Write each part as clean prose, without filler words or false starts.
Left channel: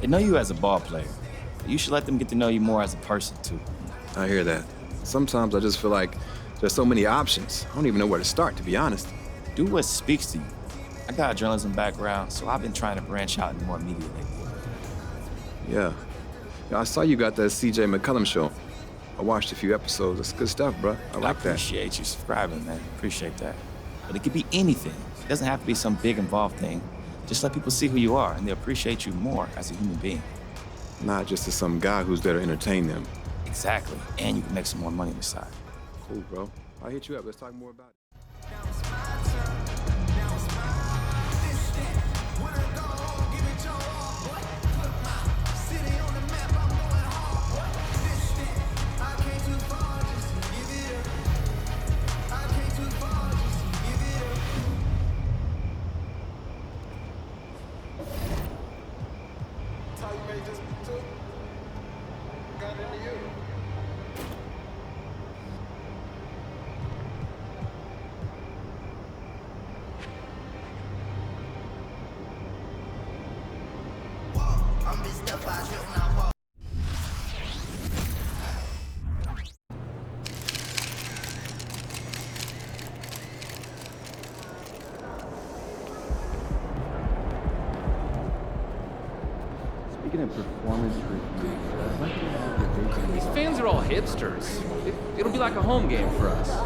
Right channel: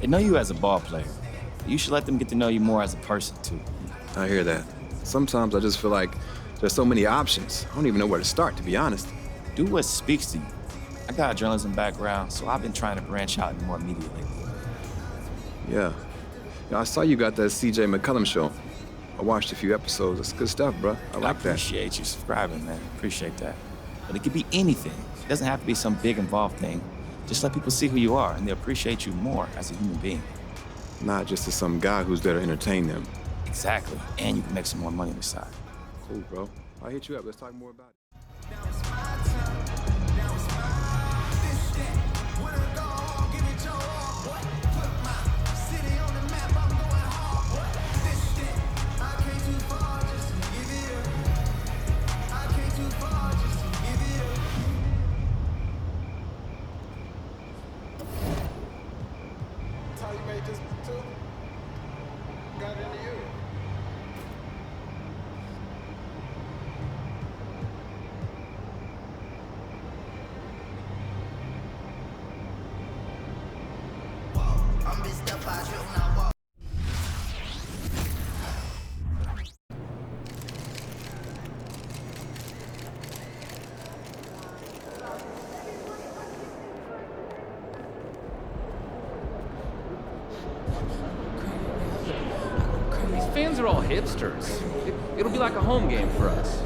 They know you as a ball player. But you should let them get to know you more as a person, too. I hear that. Sometimes I just feel like there's so many options. I don't even know where to start, to be honest. Do what speaks to you. I got a journalism background, so I've been trying to branch out into more media lately. Yeah. I saw you got that CJ McCullum show. I watched a few episodes. That's good stuff, bro. I like that. I appreciate you subscribing, man. Appreciate that. But it could be anything. It doesn't have to be some big involved thing. Just let people see who you are, and they'll appreciate you more as a human being. Not just as some guy who's there to entertain them. Exactly. And you can make some more money on the side. Cool, bro. I'll hit you up. Let's talk more about it. Now it's my turn. Now it's my this that. When I go home, give it your all. What? Put my city on the map. I'm going hard. What? This that. I came too far just to give it up. I came too far just to give it up. That's how you made this too. Got it into you. I'm pissed up, I should not walk. These fans are all hipsters. It'll be like a home game for us.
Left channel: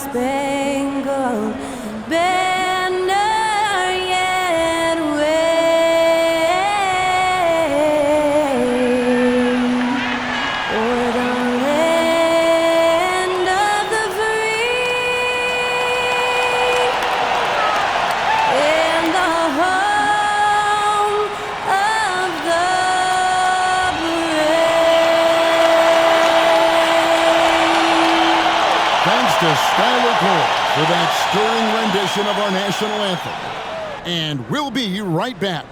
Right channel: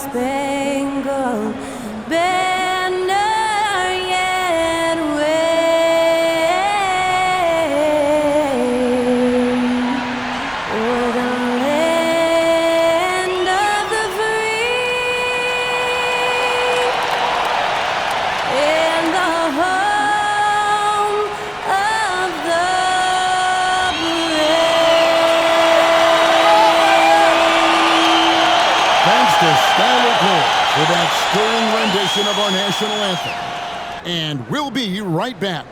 Star-Spangled Banner yet wave o'er the land of the free and the home of the brave. Thanks to Skylar Cole for that stirring rendition of our national anthem. And we'll be right back.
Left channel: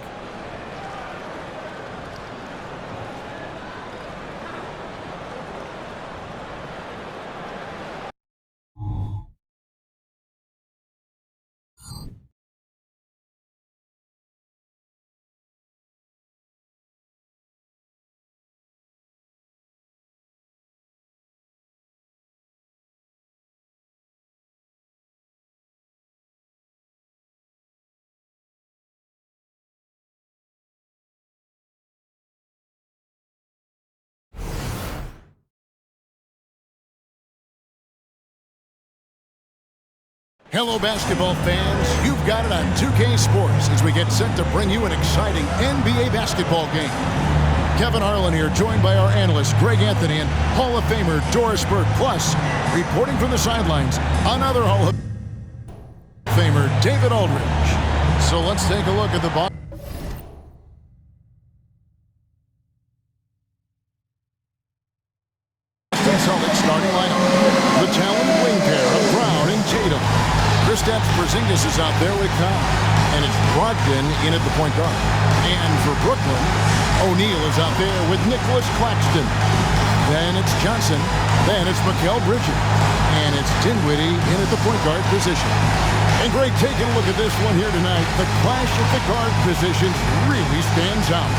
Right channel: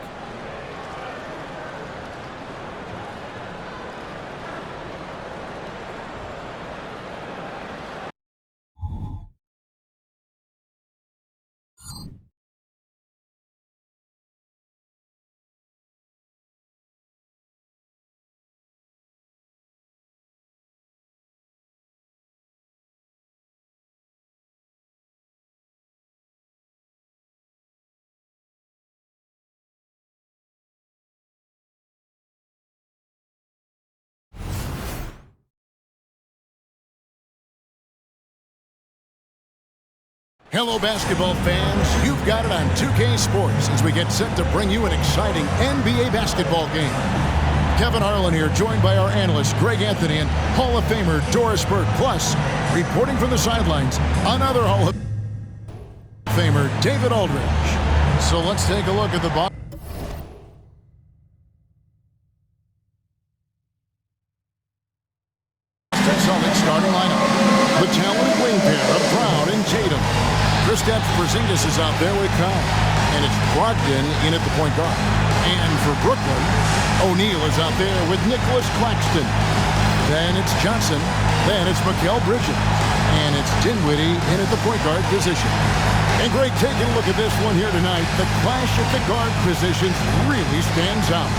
Hello, basketball fans. You've got it on 2K Sports as we get set to bring you an exciting NBA basketball game. Kevin Harlan here, joined by our analyst, Greg Anthony, and Hall of Famer Doris Burke. Plus, reporting from the sidelines, another Hall of Famer, David Aldridge. So let's take a look at the box. Celtics starting lineup. The talented wing pair of Brown and Tatum. Kristaps Porzingis is out there with Kyle. And it's Brogdon in at the point guard. And for Brooklyn, O'Neal is out there with Nicholas Claxton. Then it's Johnson. Then it's Mikal Bridges. And it's Dinwiddie in at the point guard position. And Greg, taking a look at this one here tonight, the clash at the guard positions really stands out.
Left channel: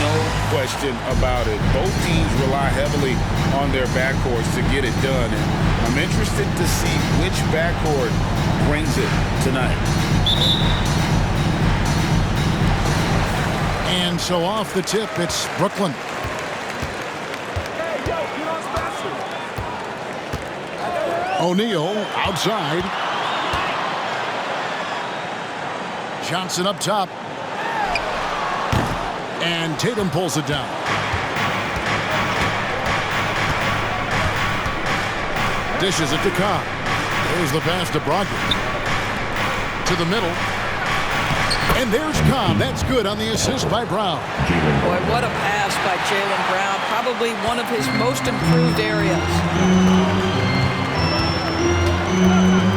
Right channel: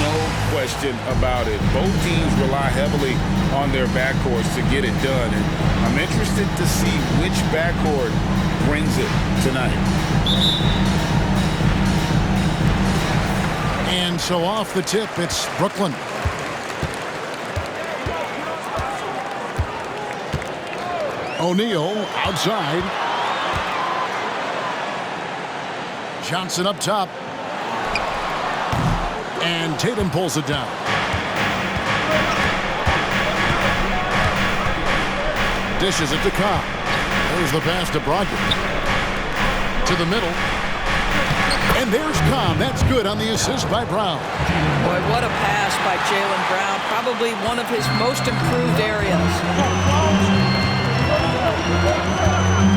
No question about it. Both teams rely heavily on their backcourts to get it done. And I'm interested to see which backcourt brings it tonight. And so off the tip, it's Brooklyn. O'Neal outside. Johnson up top. And Tatum pulls it down. Dishes it to Cobb. There's the pass to Brogdon. To the middle. And there's Cobb. That's good on the assist by Brown. Boy, what a pass by Jaylen Brown. Probably one of his most improved areas.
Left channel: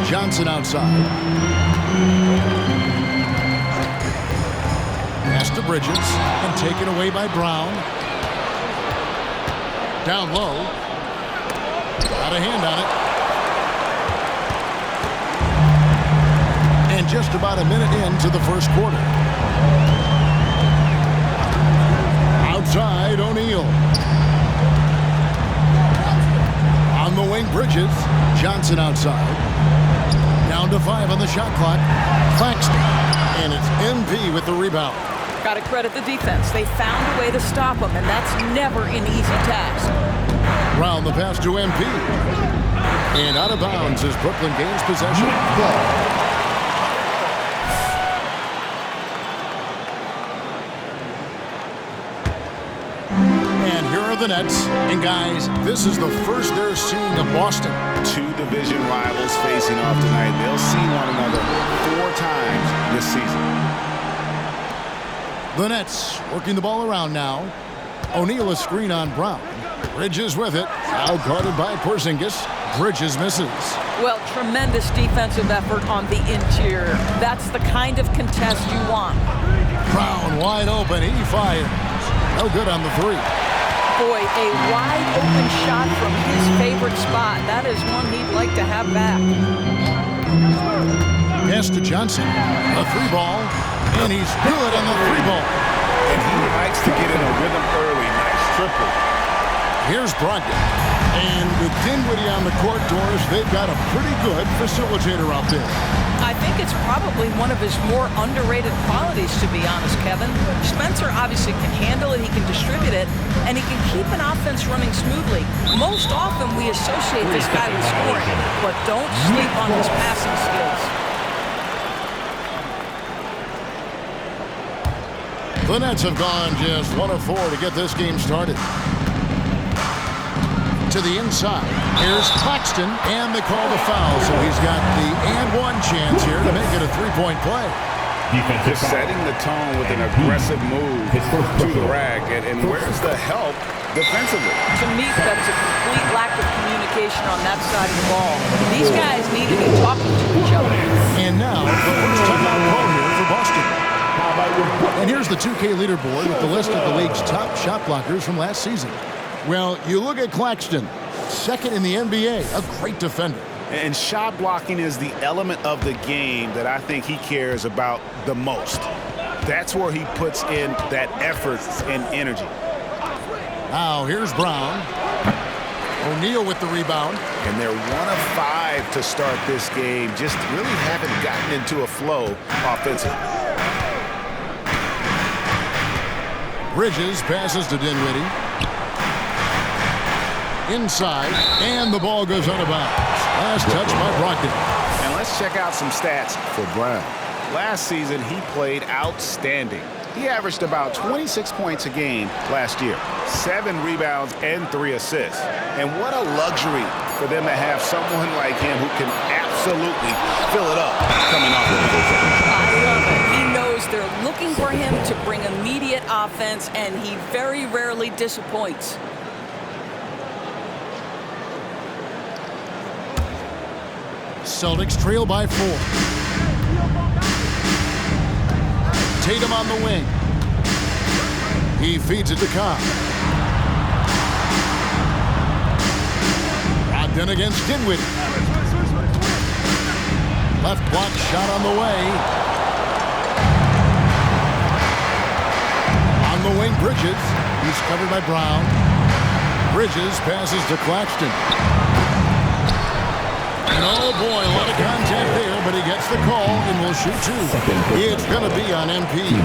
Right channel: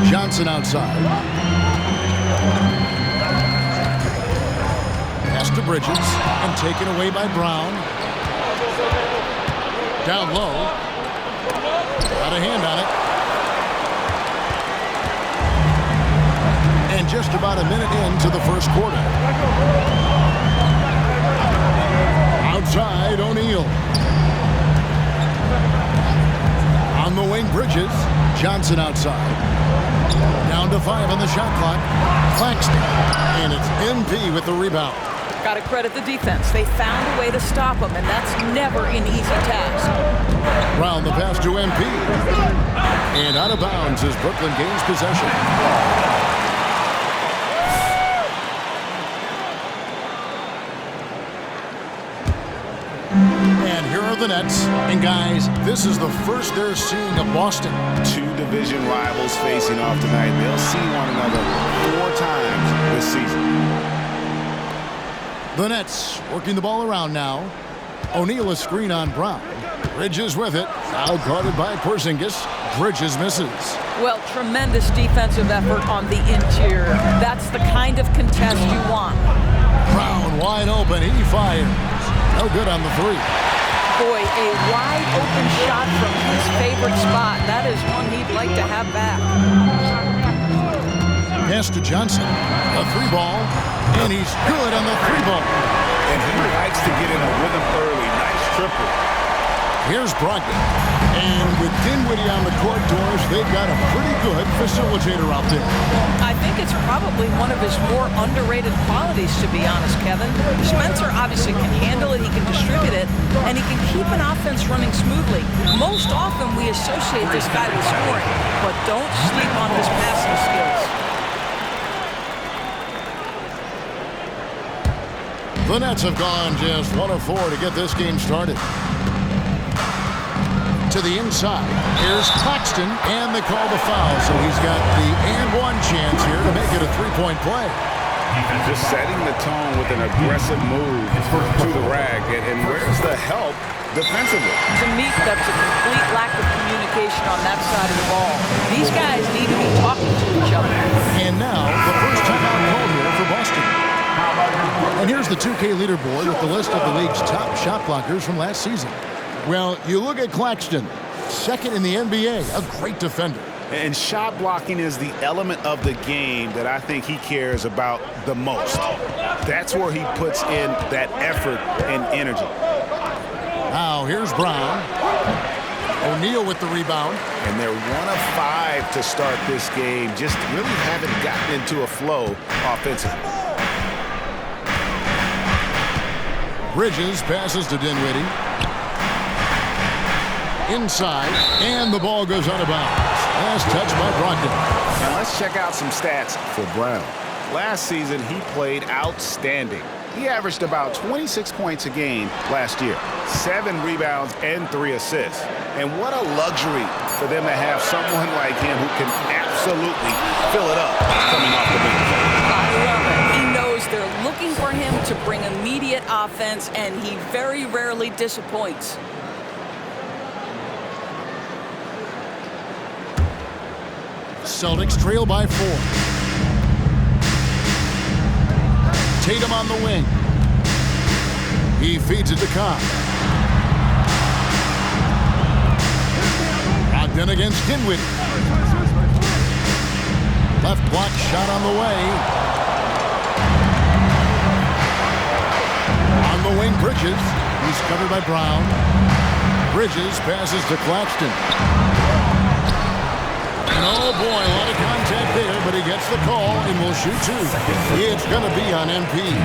Johnson outside. Pass to Bridges and taken away by Brown. Down low. Got a hand on it. And just about a minute into the first quarter. Outside, O'Neal. On the wing, Bridges. Johnson outside. Down to 5 on the shot clock. Claxton. And it's MP with the rebound. Got to credit the defense. They found a way to stop him, and that's never an easy task. Brown the pass to MP. And out of bounds as Brooklyn gains possession. And here are the Nets. And guys, this is the first they're seeing of Boston. Two division rivals facing off tonight. They'll see one another 4 times this season. The Nets working the ball around now. O'Neal a screen on Brown. Bridges with it. Now guarded by Porzingis. Bridges misses. Well, tremendous defensive effort on the interior. That's the kind of contest you want. Brown wide open. He fires. No good on the 3. Boy, a wide open shot from his favorite spot. That is one he'd like to have back. Pass to Johnson. A 3 ball. And he's good on the 3 ball. And he likes to get in a rhythm early. Nice triple. Here's Brogdon. And with Dinwiddie on the court, Doris, they've got a pretty good facilitator out there. I think it's probably one of his more underrated qualities, to be honest, Kevin. Spencer obviously can handle it, he can distribute it, and he can keep an offense running smoothly. Most often we associate this guy with scoring, but don't sleep on his passing skills. The Nets have gone just 1 of 4 to get this game started. To the inside, here's Claxton, and they call the foul, so he's got the and 1 chance here to make it a 3-point play. Just setting the tone with an aggressive move to the rack, and where's the help defensively? To me, that's a complete lack of communication on that side of the ball. These guys need to be talking to each other. And now, the first timeout called here for Boston. And here's the 2K leaderboard with the list of the league's top shot blockers from last season. Well, you look at Claxton, second in the NBA, a great defender. And shot blocking is the element of the game that I think he cares about the most. That's where he puts in that effort and energy. Now, here's Brown. O'Neal with the rebound. And they're 1 of 5 to start this game. Just really haven't gotten into a flow offensively. Bridges passes to Dinwiddie. Inside, and the ball goes out of bounds. Last touch by Brogdon. And let's check out some stats for Brown. Last season, he played outstanding. He averaged about 26 points a game last year, 7 rebounds and 3 assists. And what a luxury for them to have someone like him who can absolutely fill it up coming off the bench. I love it. He knows they're looking for him to bring immediate offense, and he very rarely disappoints. Celtics trail by 4. Tatum on the wing. He feeds it to Cobb. Brogdon against Dinwiddie. Left block shot on the way. On the wing, Bridges. He's covered by Brown. Bridges passes to Claxton. And oh boy, a lot of contact there, but he gets the call and will shoot 2. It's going to be on MP.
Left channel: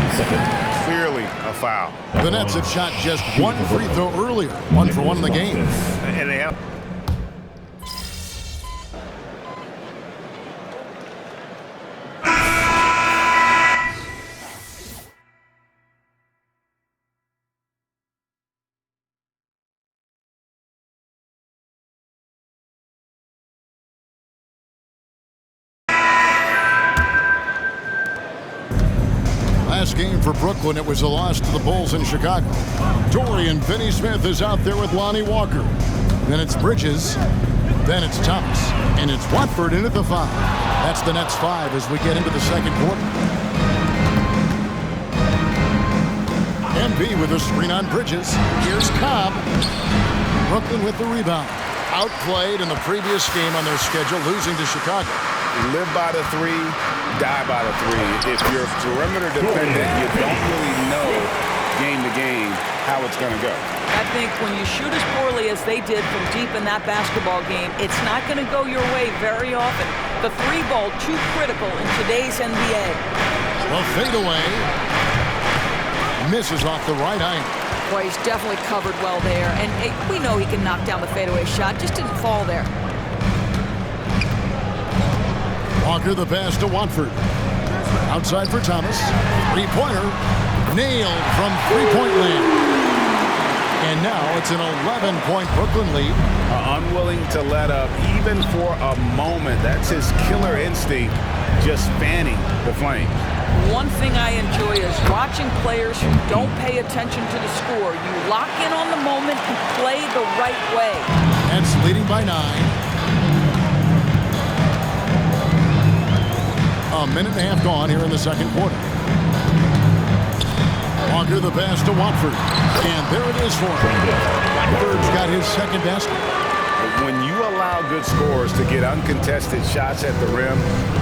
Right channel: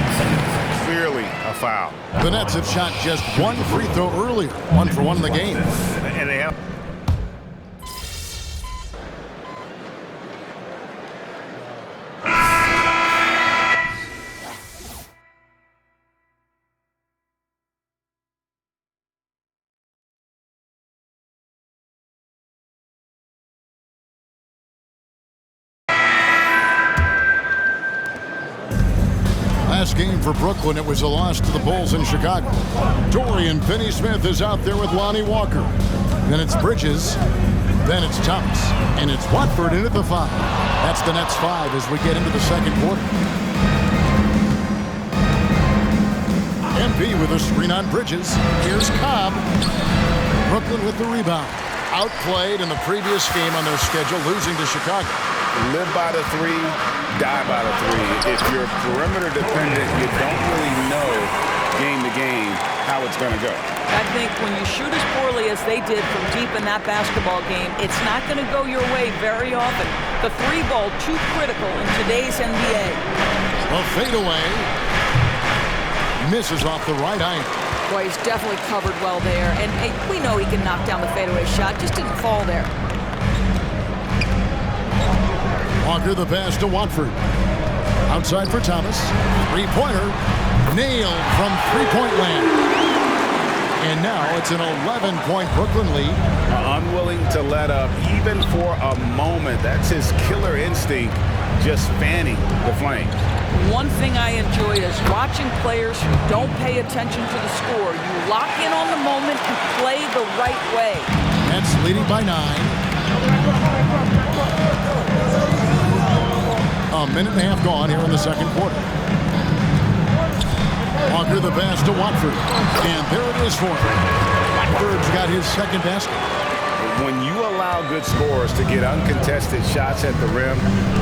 Clearly a foul. The Nets have shot just 1 free throw earlier. 1 for 1 in the game. And they have. Last game for Brooklyn, it was a loss to the Bulls in Chicago. Dorian Finney-Smith is out there with Lonnie Walker. Then it's Bridges. Then it's Thomas. And it's Watford in at the 5. That's the Nets 5 as we get into the second quarter. MP with a screen on Bridges. Here's Cobb. Brooklyn with the rebound. Outplayed in the previous game on their schedule, losing to Chicago. Live by the 3, die by the 3. If you're perimeter dependent, you don't really know game to game how it's going to go. I think when you shoot as poorly as they did from deep in that basketball game, it's not going to go your way very often. The 3 ball too critical in today's NBA. A fadeaway. Misses off the right iron. Boy, he's definitely covered well there. And hey, we know he can knock down the fadeaway shot. Just didn't fall there. Walker the pass to Watford. Outside for Thomas. 3-pointer. Nailed from 3-point land. And now it's an 11-point Brooklyn lead. Unwilling to let up even for a moment. That's his killer instinct, just fanning the flames. One thing I enjoy is watching players who don't pay attention to the score. You lock in on the moment and play the right way. Nets leading by 9. A minute and a half gone here in the second quarter. Walker the pass to Watford. And there it is for him. Watford's got his second basket. When you allow good scorers to get uncontested shots at the rim,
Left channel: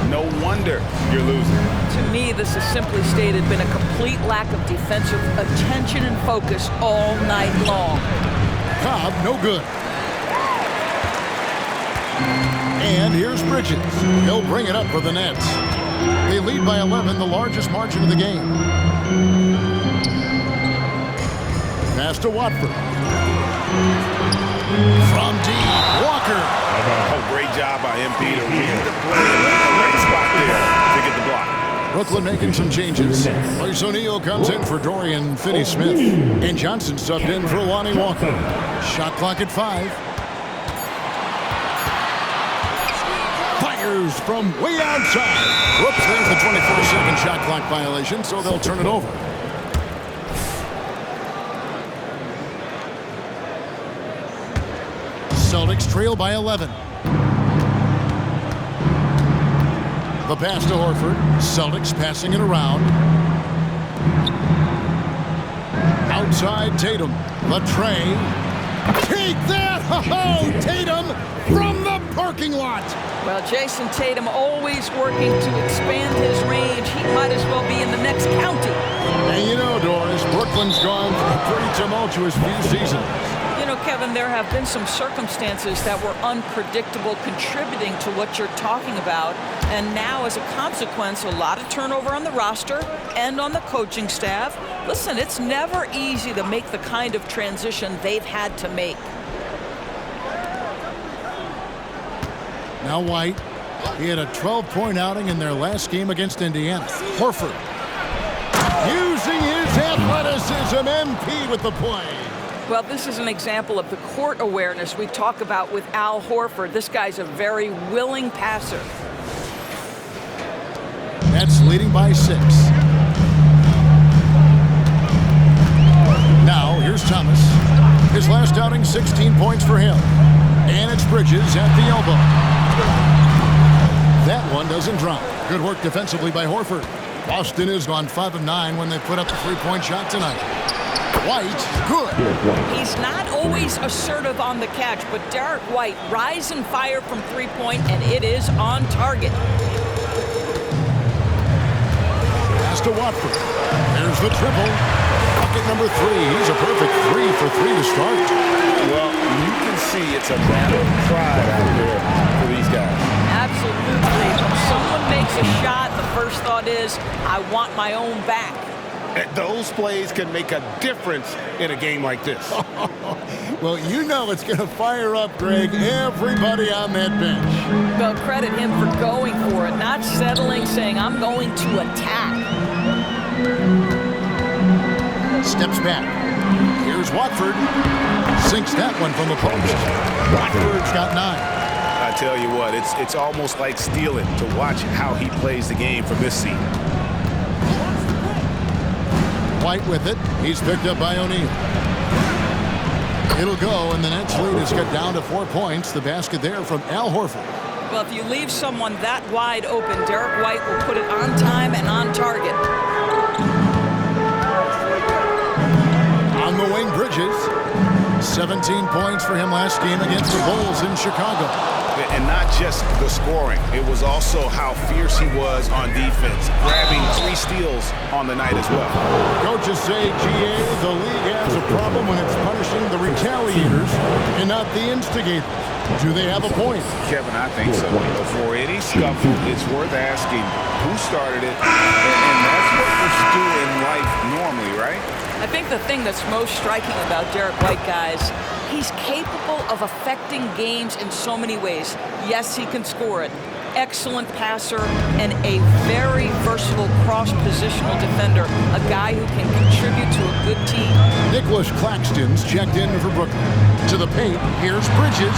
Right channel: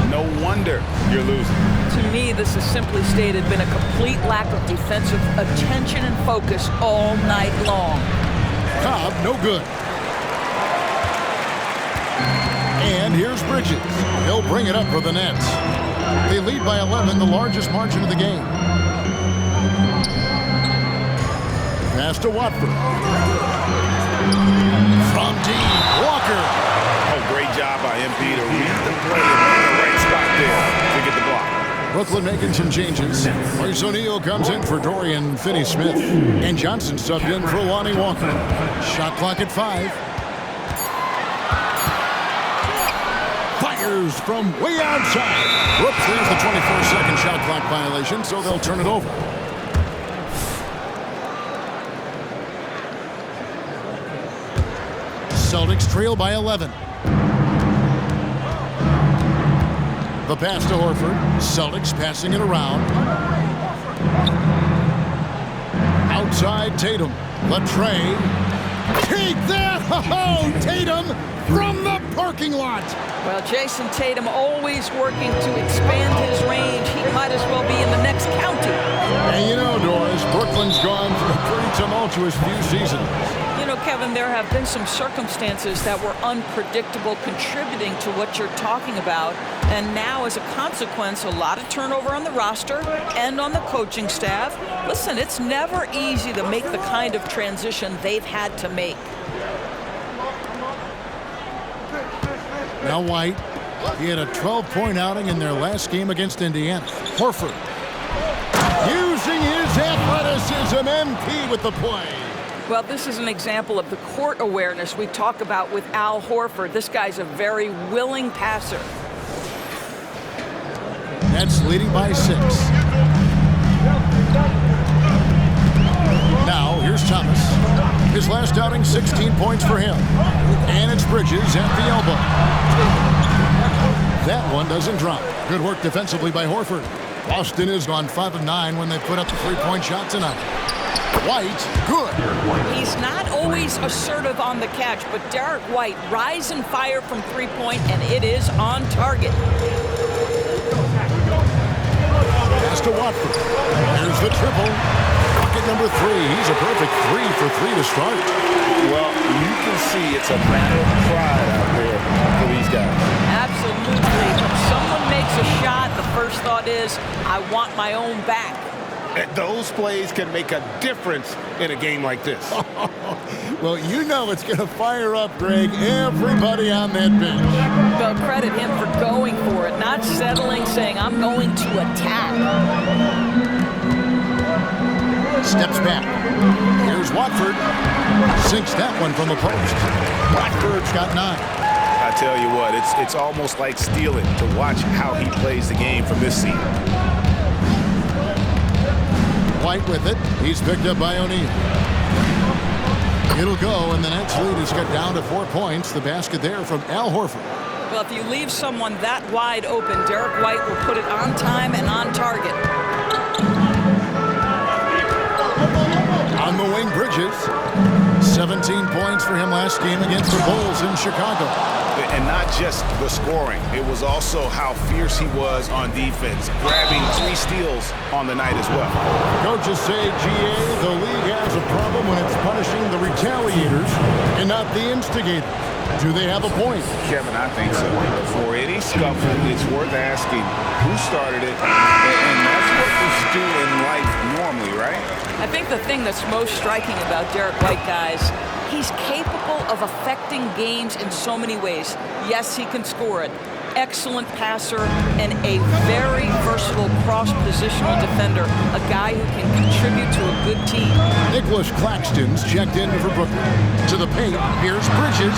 no wonder you're losing. To me, this is simply stated been a complete lack of defensive attention and focus all night long. Cobb, no good. And here's Bridges. He'll bring it up for the Nets. They lead by 11, the largest margin of the game. Pass to Watford. From deep, Walker. Oh, great job by MP to read the play and be in the right spot there to get the block. Brooklyn making some changes. Royce O'Neal comes in for Dorian Finney-Smith. And Johnson subbed in for Lonnie Walker. Shot clock at 5. Fires from way outside. Whoops, there's the 24-second shot clock violation, so they'll turn it over. Celtics trail by 11. The pass to Horford. Celtics passing it around. Outside Tatum. The tray. Take that! Oh, Tatum from the parking lot. Well, Jason Tatum always working to expand his range. He might as well be in the next county. And you know, Doris, Brooklyn's gone through a pretty tumultuous few seasons. You know, Kevin, there have been some circumstances that were unpredictable contributing to what you're talking about. And now, as a consequence, a lot of turnover on the roster and on the coaching staff. Listen, it's never easy to make the kind of transition they've had to make. Now White. He had a 12-point outing in their last game against Indiana. Horford. Using his athleticism, MP with the play. Well, this is an example of the court awareness we talk about with Al Horford. This guy's a very willing passer. Nets leading by 6. Now, here's Thomas. His last outing, 16 points for him. And it's Bridges at the elbow. That one doesn't drop. Good work defensively by Horford. Boston has gone 5 of 9 when they put up the three-point shot tonight. White, good. He's not always assertive on the catch, but Derek White rise and fire from three-point, and it is on target. Pass to Watford. There's the triple. Bucket number 3. He's a perfect 3 for 3 to start. Well, you can see it's a matter of pride out there for these guys. Absolutely. When someone makes a shot, the first thought is, I want my own back. And those plays can make a difference in a game like this. Well, you know it's going to fire up, Greg, everybody on that bench. Well, credit him for going for it, not settling, saying, I'm going to attack. Steps back. Here's Watford. Sinks that one from the post. Watford's got 9. I tell you what, it's almost like stealing to watch how he plays the game from this seat. White with it. He's picked up by O'Neal. It'll go, and the Nets lead is cut down to 4 points. The basket there from Al Horford. Well, if you leave someone that wide open, Derek White will put it on time and on target. On the wing, Bridges. 17 points for him last game against the Bulls in Chicago. And not just the scoring. It was also how fierce he was on defense, grabbing 3 steals on the night as well. Coaches say, GA, the league has a problem when it's punishing the retaliators and not the instigators. Do they have a point? Kevin, I think so. For any scuffle, it's worth asking who started it, and that's what we do in life normally, right? I think the thing that's most striking about Derek White, guys, he's capable of affecting games in so many ways. Yes, he can score it. Excellent passer and a very versatile cross-positional defender, a guy who can contribute to a good team. Nicholas Claxton's checked in for Brooklyn. To the paint, here's Bridges.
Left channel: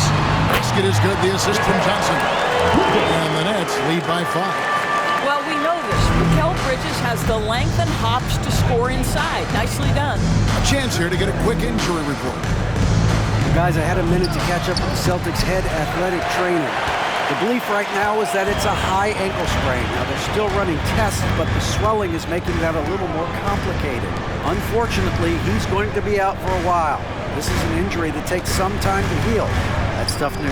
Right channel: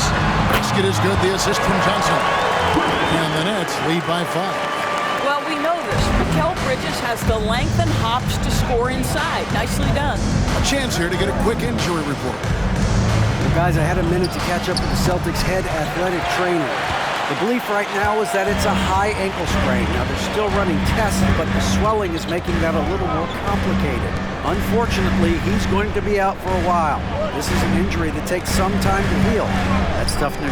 Basket is good, the assist from Johnson. And the Nets lead by 5. Well, we know this. Mikal Bridges has the length and hops to score inside. Nicely done. A chance here to get a quick injury report. Guys, I had a minute to catch up with the Celtics head athletic trainer. The belief right now is that it's a high ankle sprain. Now, they're still running tests, but the swelling is making that a little more complicated. Unfortunately, he's going to be out for a while. This is an injury that takes some time to heal. That's tough news.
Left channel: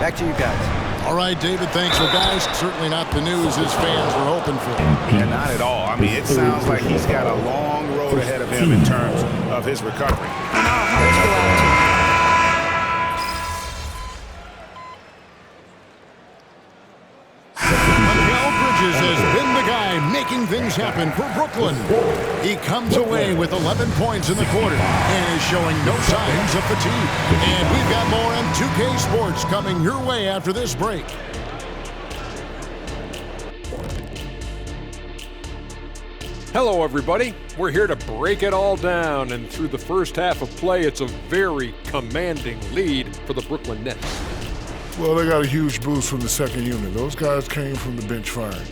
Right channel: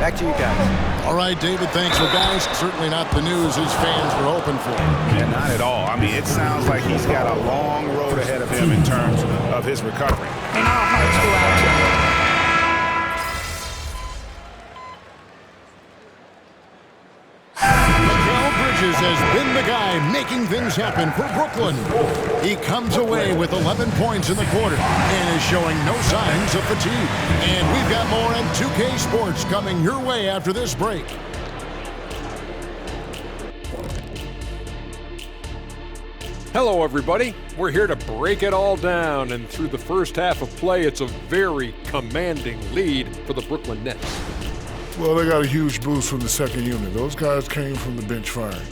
Back to you guys. All right, David, thanks. Well, guys, certainly not the news his fans were hoping for. Yeah, not at all. I mean, it sounds like he's got a long road ahead of him in terms of his recovery. And our hearts go out to him. Bridges has been the guy making things happen for Brooklyn. He comes away with 11 points in the quarter and is showing no signs of fatigue. And we've got more on 2K Sports coming your way after this break. Hello, everybody. We're here to break it all down, and through the first half of play, it's a very commanding lead for the Brooklyn Nets. Well, they got a huge boost from the second unit. Those guys came from the bench firing.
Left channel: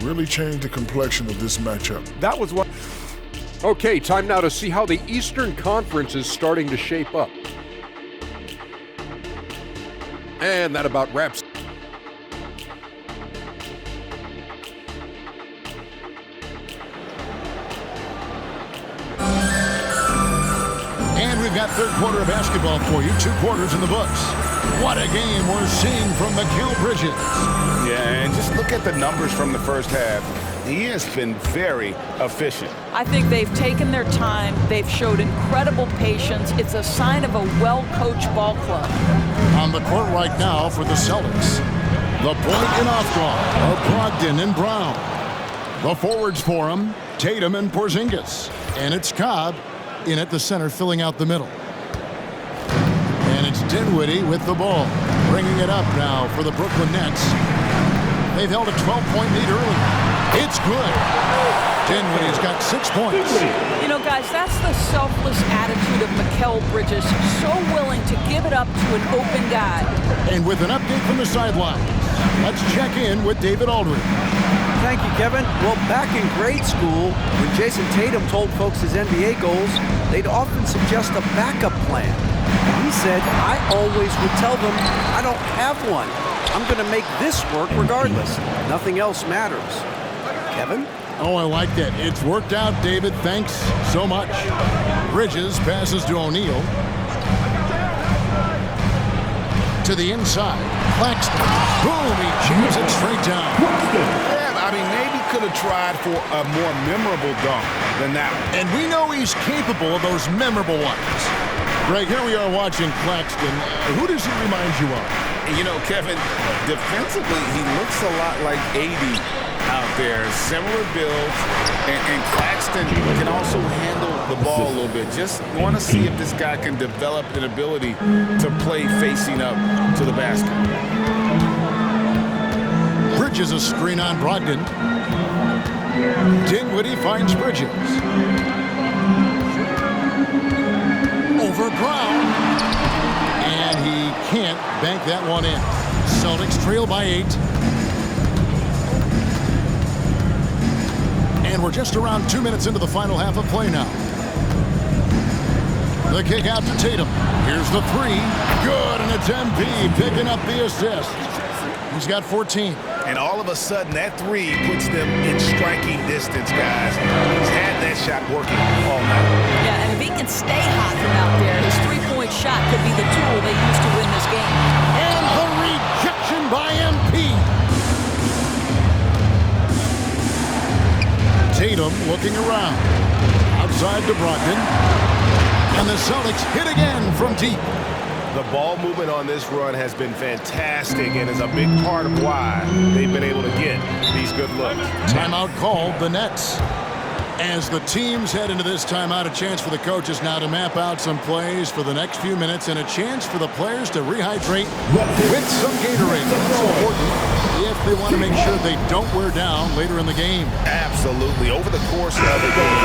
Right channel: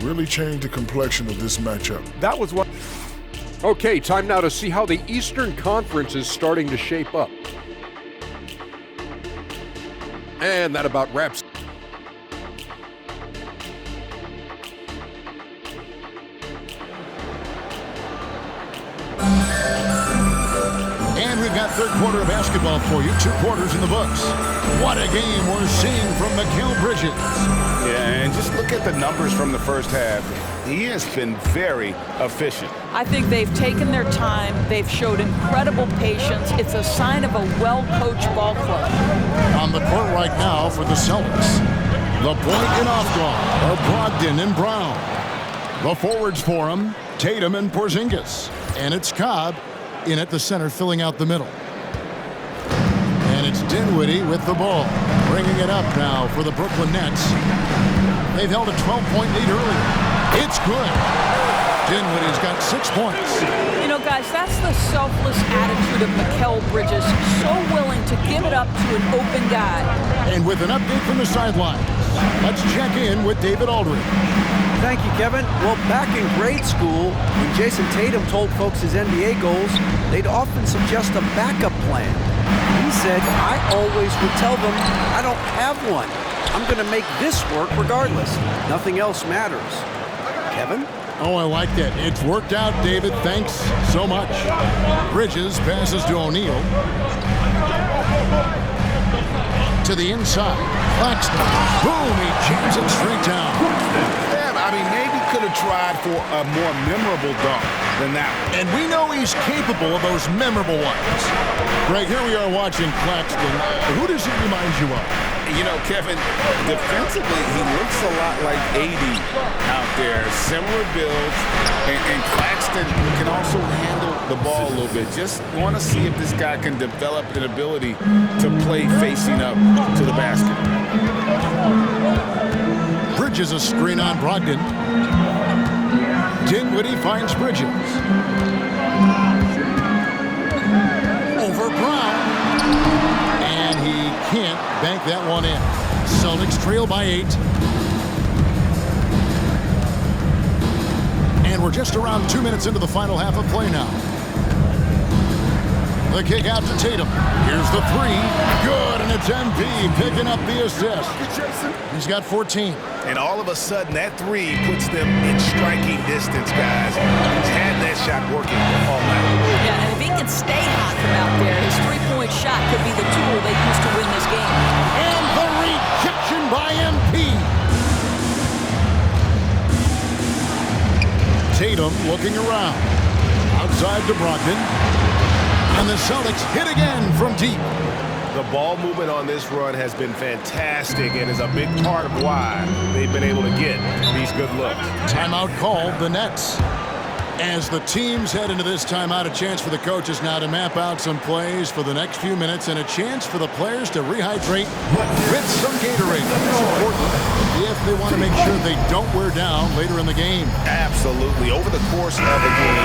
Really changed the complexion of this matchup. That was what... Okay, time now to see how the Eastern Conference is starting to shape up. And that about wraps. And we've got third quarter of basketball for you. 2 quarters in the books. What a game we're seeing from Mikal Bridges. Yeah, and just look at the numbers from the first half. He has been very efficient. I think they've taken their time. They've showed incredible patience. It's a sign of a well-coached ball club. On the court right now for the Celtics. The point and off draw are Brogdon and Brown. The forwards for him, Tatum and Porzingis. And it's Cobb in at the center, filling out the middle. And it's Dinwiddie with the ball, bringing it up now for the Brooklyn Nets. They've held a 12-point lead earlier. It's good. Dinwiddie's got 6 points. You know, guys, that's the selfless attitude of Mikal Bridges, so willing to give it up to an open guy. And with an update from the sidelines, let's check in with David Aldridge. Thank you, Kevin. Well, back in grade school, when Jason Tatum told folks his NBA goals, they'd often suggest a backup plan. And he said, I always would tell them I don't have one. I'm going to make this work regardless. Nothing else matters. Kevin? Oh, I like that. It's worked out, David. Thanks so much. Bridges passes to O'Neal. To the inside. Claxton. Boom, he jams it straight down. Yeah, I mean, maybe could have tried for a more memorable dunk than that one. And we know he's capable of those memorable ones. Greg, here we are watching Claxton. Who does he remind you of? You know, Kevin, defensively, he looks a lot like 80 out there. Similar builds, and Claxton can also handle the ball a little bit. Just want to see if this guy can develop an ability to play facing up to the basket. Bridges a screen on Brogdon. Dinwiddie finds Bridges. Over Brown. And he can't bank that one in. Celtics trail by 8. And we're just around 2 minutes into the final half of play now. The kick out to Tatum. Here's the 3. Good, and it's MP picking up the assist. He's got 14. And all of a sudden, that 3 puts them in striking distance, guys. He's had that shot working all night. Yeah, and if he can stay hot from out there, his three-point shot could be the tool they use to win this game. And the rejection by MP. Tatum looking around. Outside to Brogdon. And the Celtics hit again from deep. The ball movement on this run has been fantastic and is a big part of why they've been able to get these good looks. Timeout called, the Nets. As the teams head into this timeout, a chance for the coaches now to map out some plays for the next few minutes and a chance for the players to rehydrate with some Gatorade. That's important if they want to make sure they don't wear down later in the game. Absolutely. Over the course of the game,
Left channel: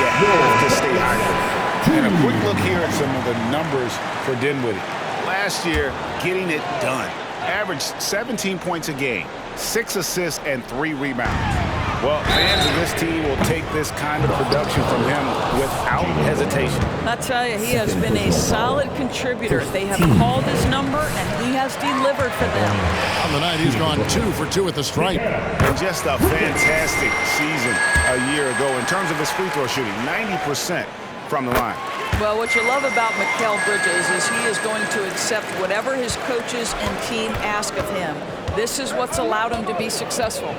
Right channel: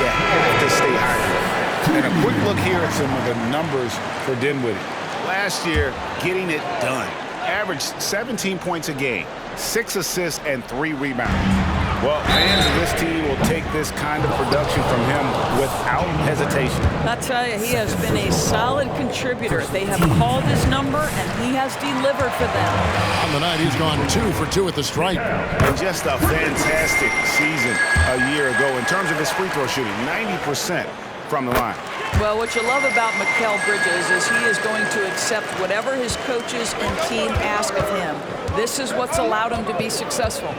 you have to stay hydrated. And a quick look here at some of the numbers for Dinwiddie. Last year, getting it done. Averaged 17 points a game, 6 assists, and 3 rebounds. Well, fans of this team will take this kind of production from him without hesitation. I tell you, he has been a solid contributor. They have called his number, and he has delivered for them. On the night, he's gone 2 for 2 at the stripe. And just a fantastic season a year ago. In terms of his free throw shooting, 90% from the line. Well, what you love about Mikal Bridges is he is going to accept whatever his coaches and team ask of him. This is what's allowed him to be successful.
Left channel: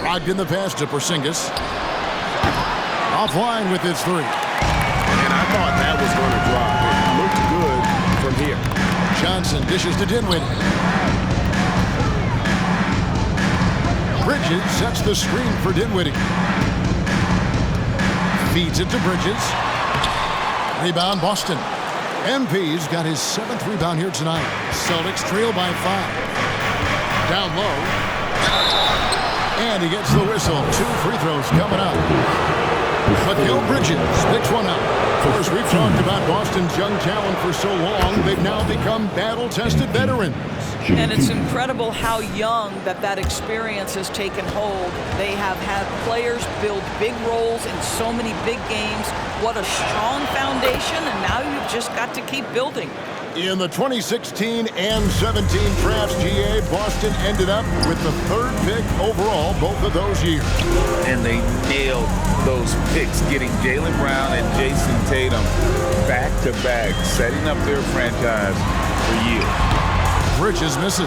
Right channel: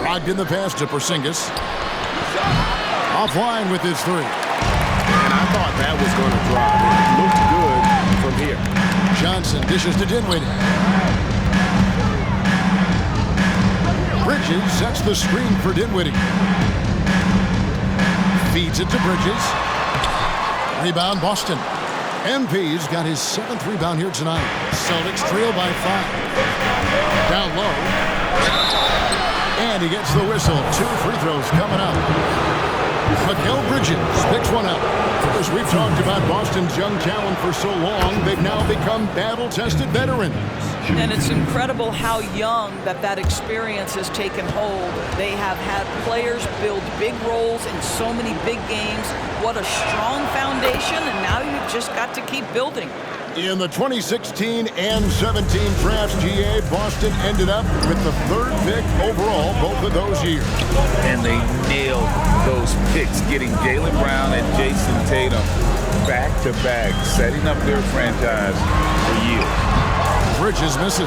Brogdon the pass to Porzingis. Offline with his 3. And I thought that was going to drive. It looked good from here. Johnson dishes to Dinwiddie. Bridges sets the screen for Dinwiddie. Feeds it to Bridges. Rebound Boston. MP's got his 7th rebound here tonight. Celtics trail by 5. Down low. And he gets the whistle. 2 free throws coming up. Mikal Bridges picks one up. Of course, we've talked about Boston's young talent for so long. They've now become battle-tested veterans. And it's incredible how young that experience has taken hold. They have had players build big roles in so many big games. What a strong foundation, and now you've just got to keep building. In the 2016 and 17 drafts, GA, Boston ended up with the 3rd pick overall both of those years. And they nailed those picks, getting Jaylen Brown and Jason Tatum back-to-back, setting up their franchise for years. Bridges misses.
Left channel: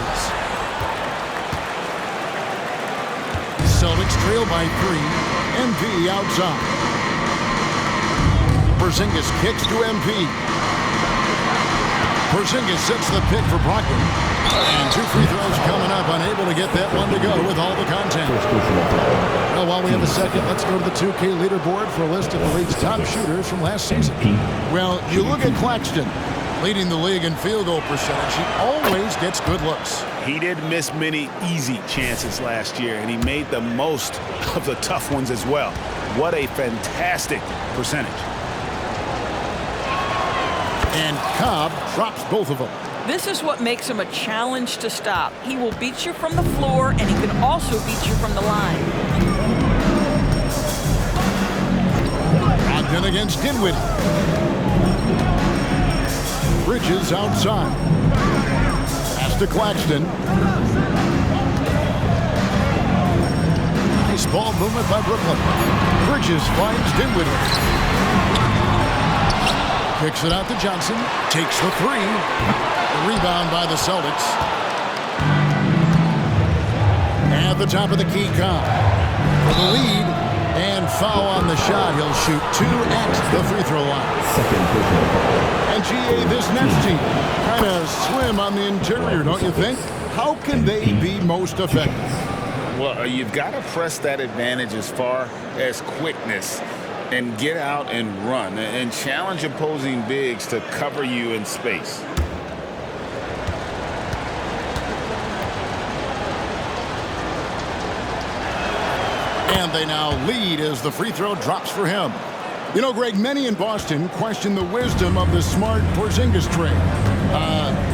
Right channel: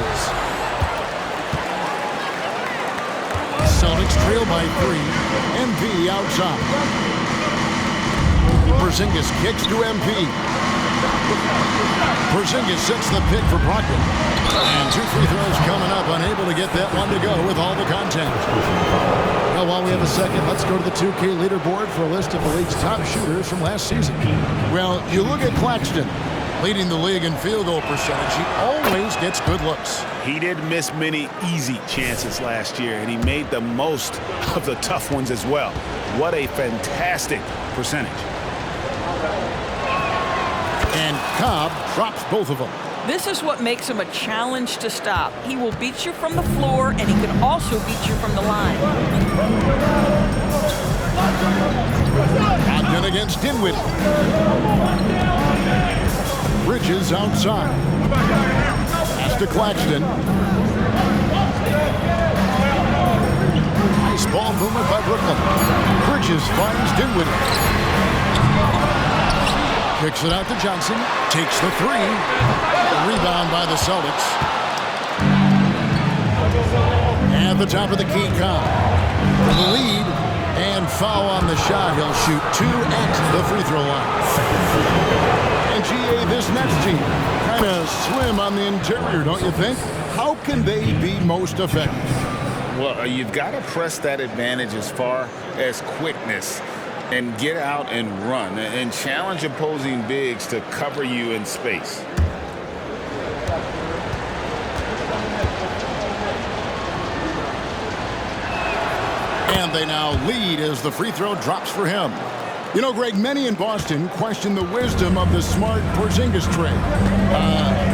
Celtics trail by 3. MP outside. Porzingis kicks to MP. Porzingis sets the pick for Brogdon. And 2 free throws coming up. Unable to get that one to go with all the content. Well, while we have a second, let's go to the 2K leaderboard for a list of the league's top shooters from last season. Well, you look at Claxton, leading the league in field goal percentage. He always gets good looks. He did miss many easy chances last year, and he made the most of the tough ones as well. What a fantastic percentage. And Cobb drops both of them. This is what makes him a challenge to stop. He will beat you from the floor, and he can also beat you from the line. Brogdon against Dinwiddie. Bridges outside. Pass to Claxton. Nice ball movement by Brooklyn. Bridges finds Dinwiddie. Kicks it out to Johnson. Takes the three. The rebound by the Celtics. At the top of the key, Cobb for the lead. And foul on the shot. He'll shoot 2 at the free throw line. And GA, this Nets team kind of swim on the interior, don't you think? How can they be most effective? Well, you've got to press that advantage as far as quickness and get out and run and challenge opposing bigs to cover you in space. And they now lead as the free throw drops for him. You know, Greg, many in Boston question the wisdom of the smart Porzingis trade.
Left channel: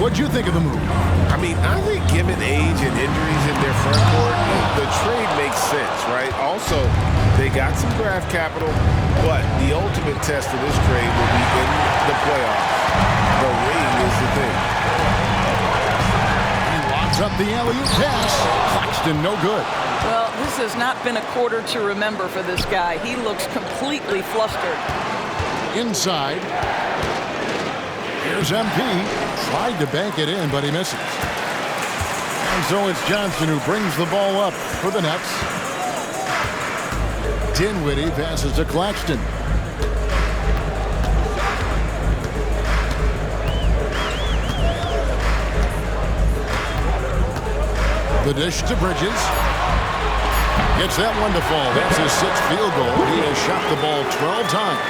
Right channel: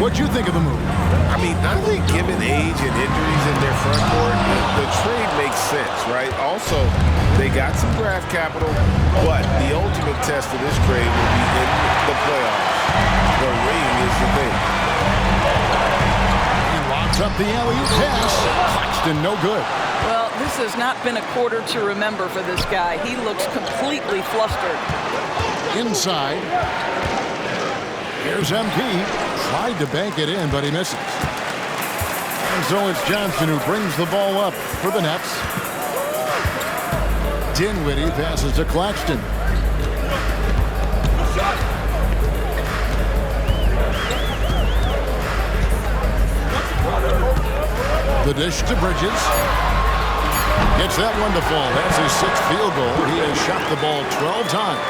What'd you think of the move? I mean, I think given age and injuries in their front court, the trade makes sense, right? Also, they got some draft capital, but the ultimate test of this trade will be in the playoffs. The ring is the thing. He locks up the alley-oop pass. Claxton, no good. Well, this has not been a quarter to remember for this guy. He looks completely flustered. Inside. Here's MP. Tried to bank it in, but he misses. And so it's Johnson who brings the ball up for the Nets. Dinwiddie passes to Claxton. The dish to Bridges. Gets that one to fall. That's his 6th field goal. He has shot the ball 12 times.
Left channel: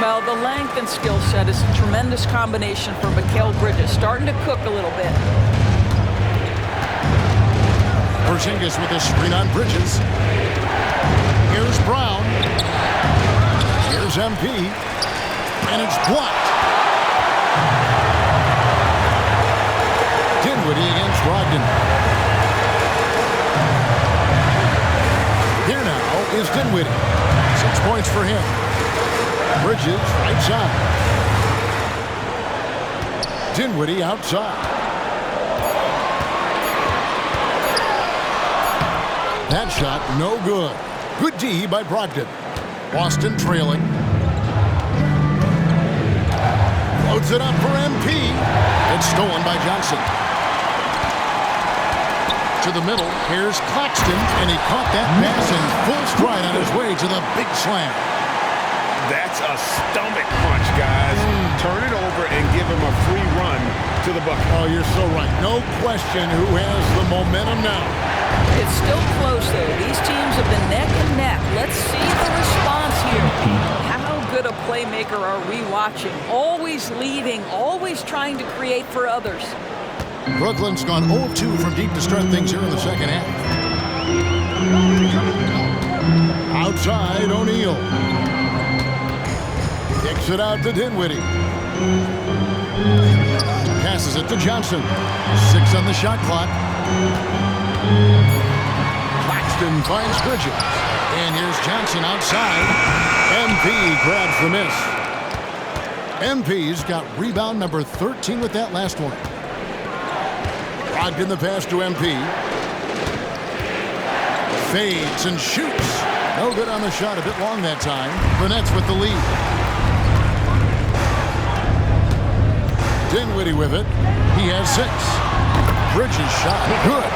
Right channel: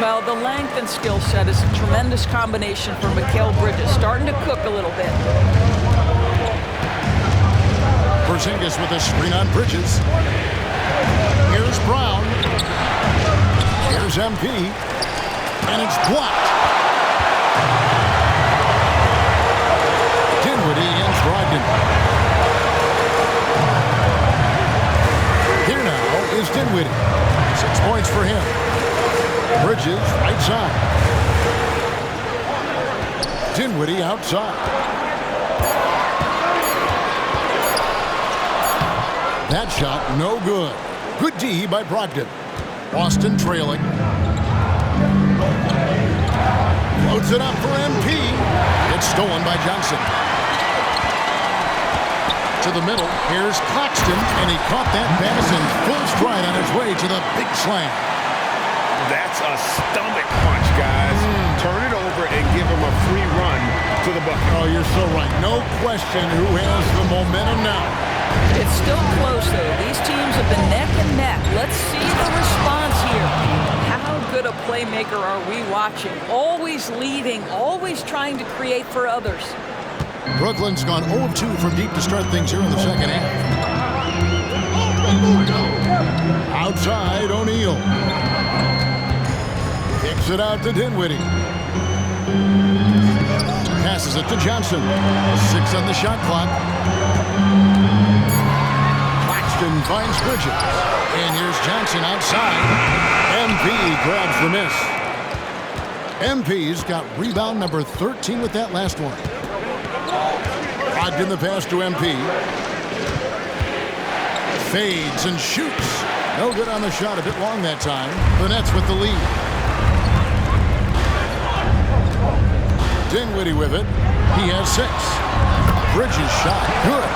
Well, the length and skill set is a tremendous combination for Mikal Bridges. Starting to cook a little bit. Porzingis with a screen on Bridges. Here's Brown. Here's MP. And it's blocked. Dinwiddie against Brogdon. Here now is Dinwiddie. 6 points for him. Bridges right side. Dinwiddie outside. That shot no good. Good D by Brogdon. Boston trailing. Floats it up for MP. It's stolen by Johnson. To the middle, here's Claxton, and he caught that pass in full stride on his way to the big slam. That's a stomach punch, guys. Turn it over and give him a free run to the bucket. Oh, you're so right. No question who has the momentum now. It's still close, though. These teams have been neck and neck. Let's see the response here. How good a playmaker are we watching? Always leading, always trying to create for others. Brooklyn's gone 0-2 from deep to start things here in the second half. Outside, O'Neal. Kicks it out to Dinwiddie. Passes it to Johnson. 6 on the shot clock. Claxton finds Bridges. And here's Johnson outside. MP grabs the miss. MP's got rebound number 13 with that last one. Brogdon the pass to MP. Fades and shoots. No good on the shot, a bit long that time. The Nets with the lead. Dinwiddie with it. He has 6. Bridges shot. Good.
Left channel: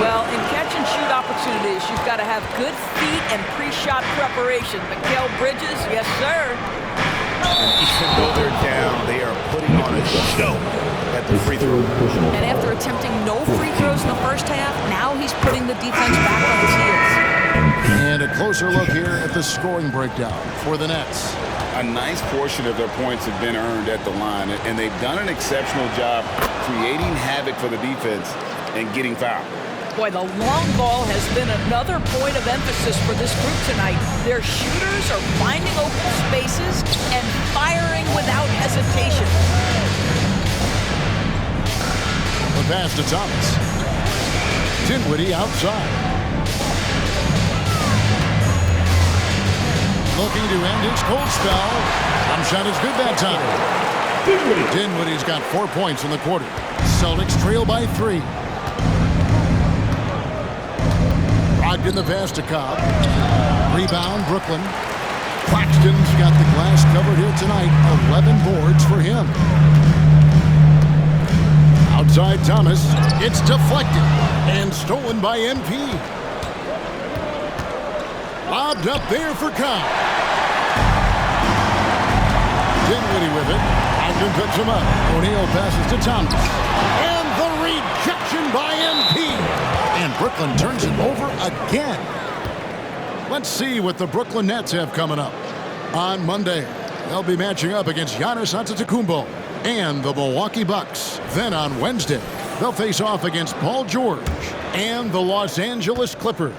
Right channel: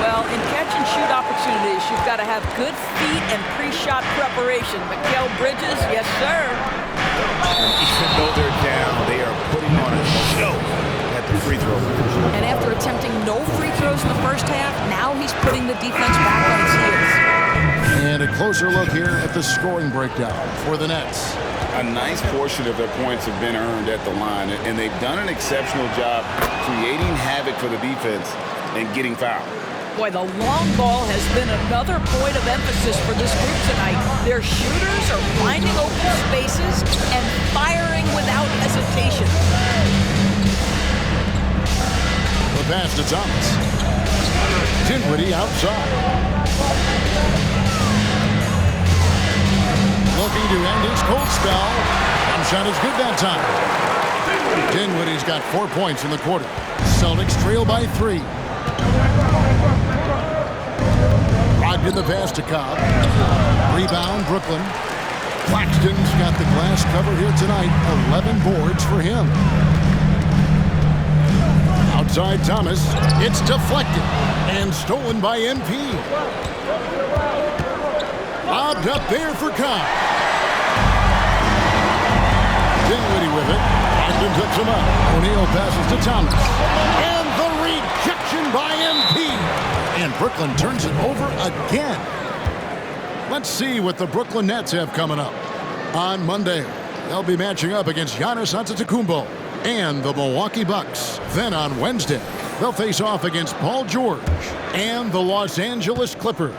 Well, in catch and shoot opportunities, you've got to have good feet and pre-shot preparation. Mikal Bridges, yes, sir. Even though they're down, they are putting on a show at the free throw. And after attempting no free throws in the first half, now he's putting the defense back on his heels. And a closer look here at the scoring breakdown for the Nets. A nice portion of their points have been earned at the line, and they've done an exceptional job creating havoc for the defense and getting fouled. Boy, the long ball has been another point of emphasis for this group tonight. Their shooters are finding open spaces and firing without hesitation. The pass to Thomas. Dinwiddie outside. Looking to end his cold spell. Jump shot is good that time. Dinwiddie's got 4 points in the quarter. Celtics trail by 3. Brogdon the pass to Cobb. Rebound, Brooklyn. Claxton's got the glass covered here tonight. 11 boards for him. Outside Thomas. It's deflected and stolen by MP. Lobbed up there for Cobb. Dinwiddie with it. Brogdon picks him up. O'Neal passes to Thomas. And the rejection by MP. And Brooklyn turns it over again. Let's see what the Brooklyn Nets have coming up. On Monday, they'll be matching up against Giannis Antetokounmpo and the Milwaukee Bucks. Then on Wednesday, they'll face off against Paul George and the Los Angeles Clippers.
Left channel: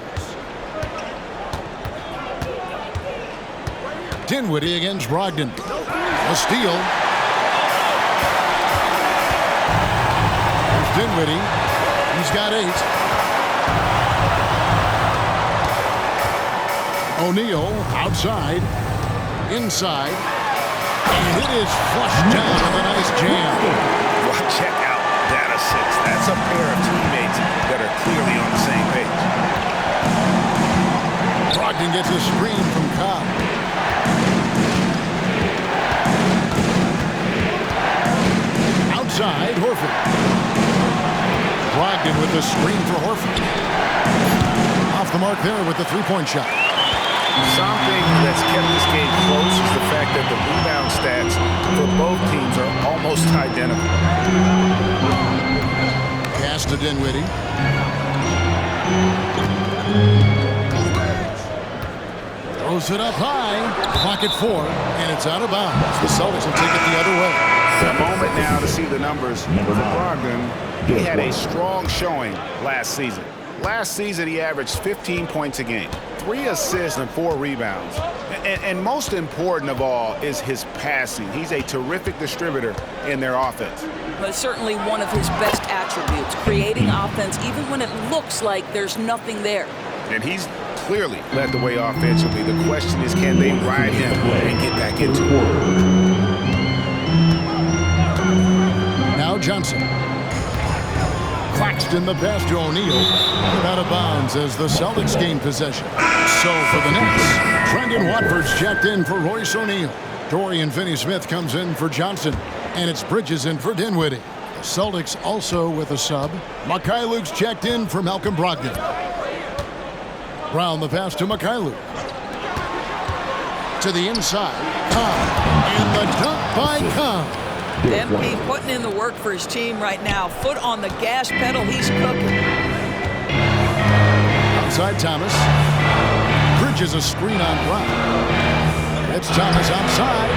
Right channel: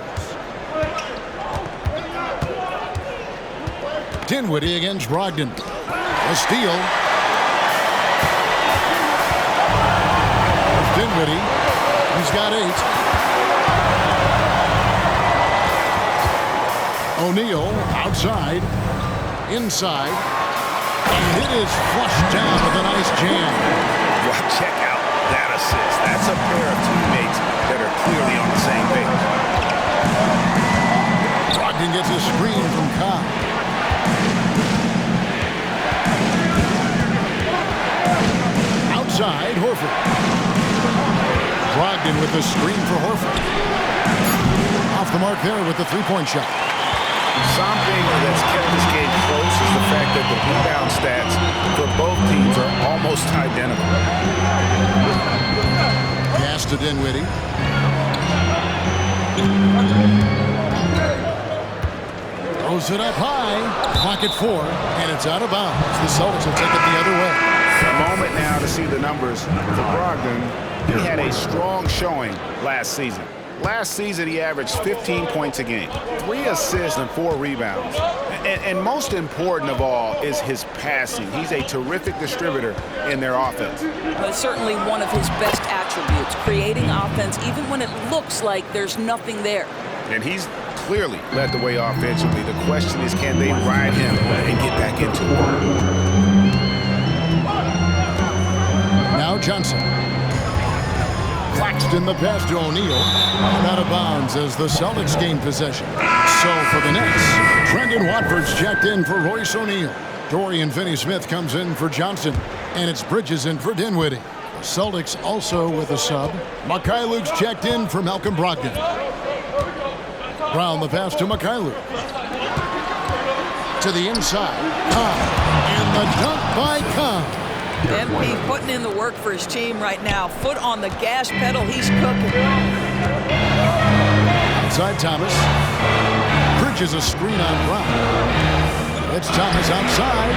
Dinwiddie against Brogdon. A steal. There's Dinwiddie. He's got 8. O'Neal outside. Inside. And it is flushed down with a nice jam. Well, check out that assist. That's a pair of teammates that are clearly on the same page. Brogdon gets a screen from Cobb. Outside, Horford. Brogdon with the screen for Horford. Off the mark there with the three-point shot. Something that's kept this game close is the fact that the rebound stats for both teams are almost identical. Pass to Dinwiddie. Throws it up high. Clock at 4, and it's out of bounds. The Celtics will take it the other way. A moment now to see the numbers for Brogdon. He had a strong showing last season. Last season, he averaged 15 points a game, 3 assists and 4 rebounds. And most important of all is his passing. He's a terrific distributor in their offense. But certainly one of his best attributes, creating offense even when it looks like there's nothing there. And he's clearly led the way offensively. The question is, can they ride him and get back into it? Now Johnson. Claxton the pass to O'Neal. And out of bounds as the Celtics gain possession. So for the Nets, Brendan Watford's checked in for Royce O'Neal. Dorian Finney-Smith comes in for Johnson. And it's Bridges in for Dinwiddie. The Celtics also with a sub. Mycareer's checked in for Malcolm Brogdon. Brown the pass to Mycareer. To the inside. Cobb. And the dunk by Cobb. MP putting in the work for his team right now. Foot on the gas pedal. He's cooking. Outside Thomas. Bridges a screen on Brown. It's Thomas outside.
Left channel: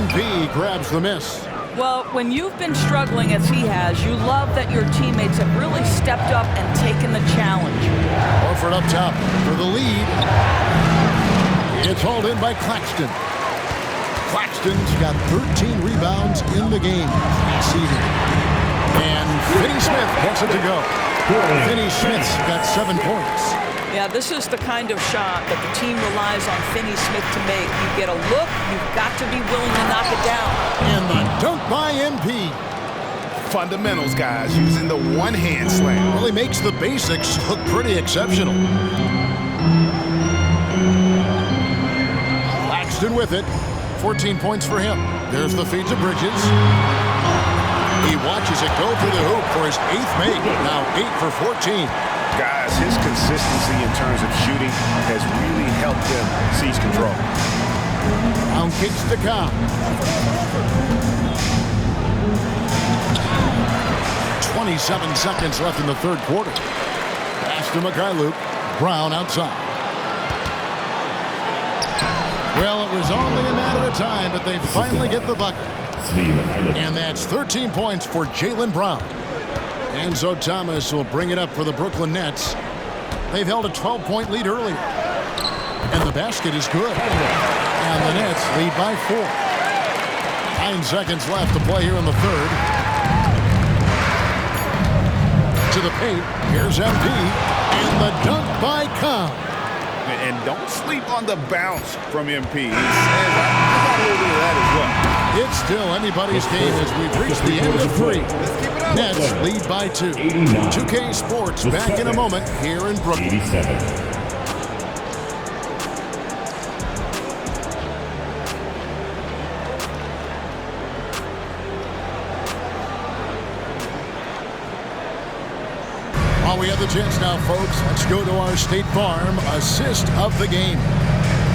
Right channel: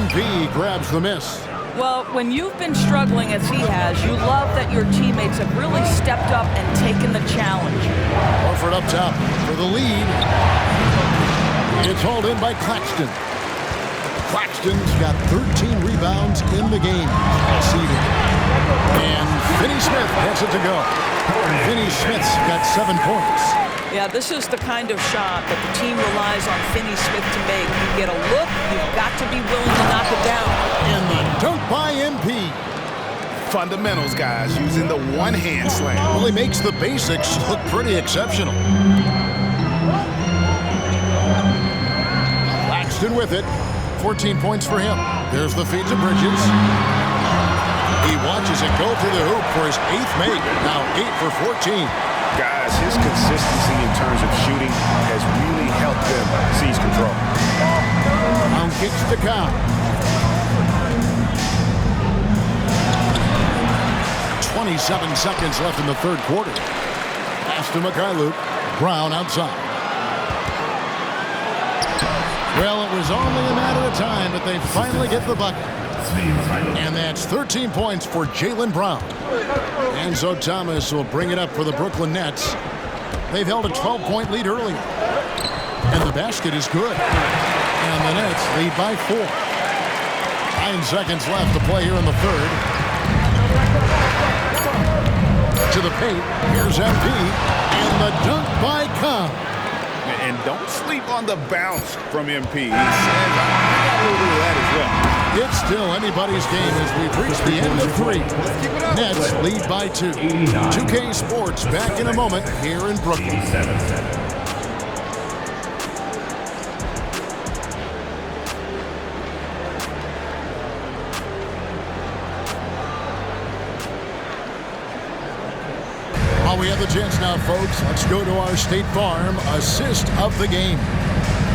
MP grabs the miss. Well, when you've been struggling as he has, you love that your teammates have really stepped up and taken the challenge. Horford up top for the lead. It's hauled in by Claxton. Claxton's got 13 rebounds in the game. Seated. And Finney-Smith gets it to go. Finney-Smith's got 7 points. Yeah, this is the kind of shot that the team relies on Finney-Smith to make. You get a look, you've got to be willing to knock it down. And the dunk by MP. Fundamentals, guys, using the one-hand slam. Well, he makes the basics look pretty exceptional. Claxton with it. 14 points for him. There's the feed to Bridges. He watches it go through the hoop for his 8th make. Now 8 for 14. Guys, his consistency in terms of shooting has really helped them seize control. Brown kicks to Cobb. 27 seconds left in the third quarter. Pass to Mycareer. Brown outside. Well, it was only a matter of time, but they finally get the bucket. And that's 13 points for Jaylen Brown. Enzo Thomas will bring it up for the Brooklyn Nets. They've held a 12-point lead earlier. And the basket is good. And the Nets lead by 4. 9 seconds left to play here in the third. To the paint. Here's MP. And the dunk by Cobb. And don't sleep on the bounce from MP. He says, I got a little bit of that as well. It's still anybody's game as we've reached the end of 3. Nets lead by 2. 2K Sports back in a moment here in Brooklyn. While we have the chance now, folks, let's go to our State Farm assist of the game.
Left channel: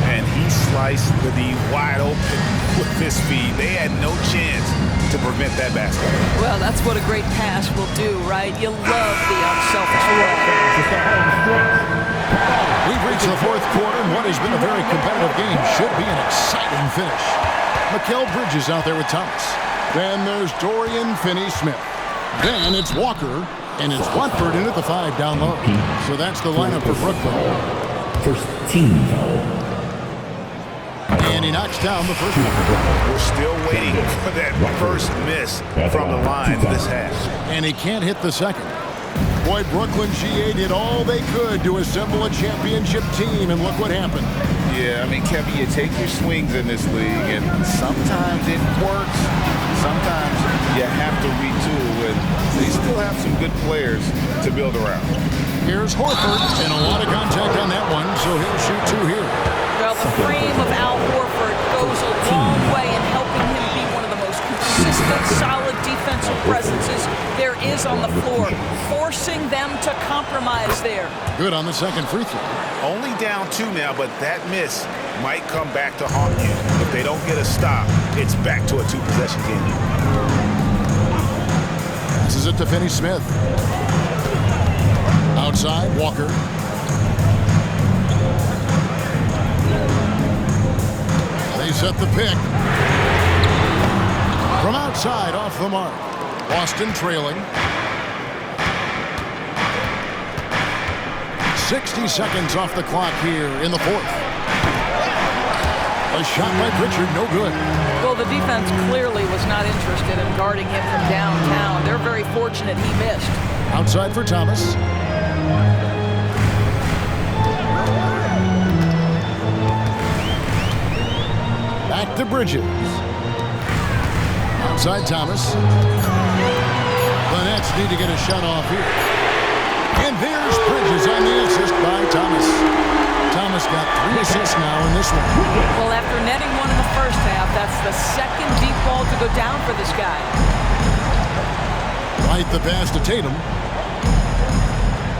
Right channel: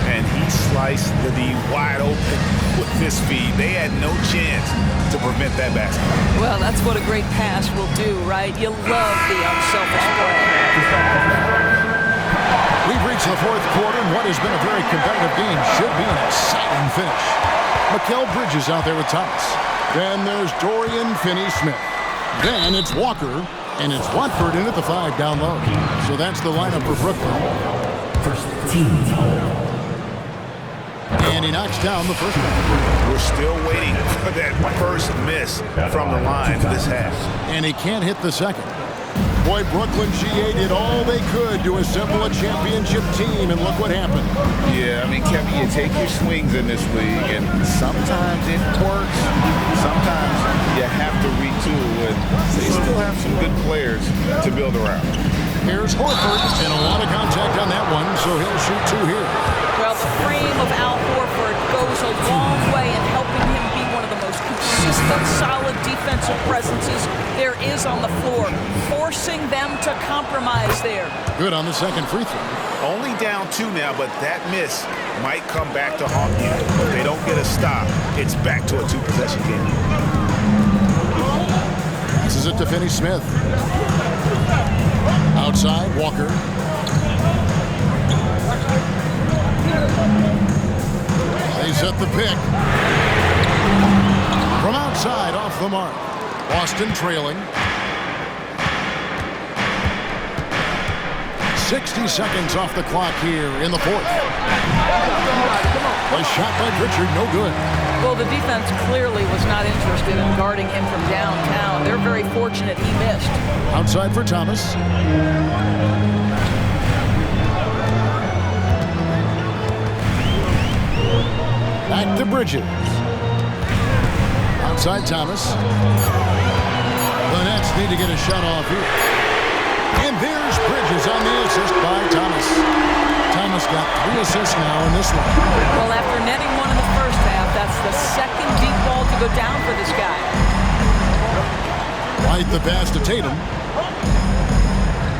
And he sliced the D wide open with his feet. They had no chance to prevent that basket. Well, that's what a great pass will do, right? You love the unselfish play. We've reached the 4th quarter, and what has been a very competitive game should be an exciting finish. Mikal Bridges out there with Thomas. Then there's Dorian Finney-Smith. Then it's Walker, and it's Watford in at the 5 down low. So that's the lineup for Brooklyn. First team foul. And he knocks down the first one. We're still waiting for that first miss from the line this half. And he can't hit the second. Boy, Brooklyn GA did all they could to assemble a championship team, and look what happened. Yeah, I mean, Kevin, you take your swings in this league, and sometimes it works. Sometimes you have to retool, and they still have some good players to build around. Here's Horford, and a lot of contact on that one, so he'll shoot 2 here. Well, the frame of Al Horford goes a long way in helping him be one of the most consistent, solid defensive presences there is on the floor, forcing them to compromise there. Good on the second free throw. Only down 2 now, but that miss might come back to haunt you. If they don't get a stop, it's back to a 2-possession game. Passes it to Finney-Smith. Outside, Walker. They set the pick. From outside, off the mark. Boston trailing. 60 seconds off the clock here in the 4th. A shot by Pritchard, no good. Well, the defense clearly was not interested in guarding him from downtown. They're very fortunate he missed. Outside for Thomas. Back to Bridges. Outside Thomas. The Nets need to get a shot off here. And there's Bridges on the assist by Thomas. Thomas got 3 assists now in this one. Well, after netting one in the first half, that's the second deep ball to go down for this guy. White the pass to Tatum.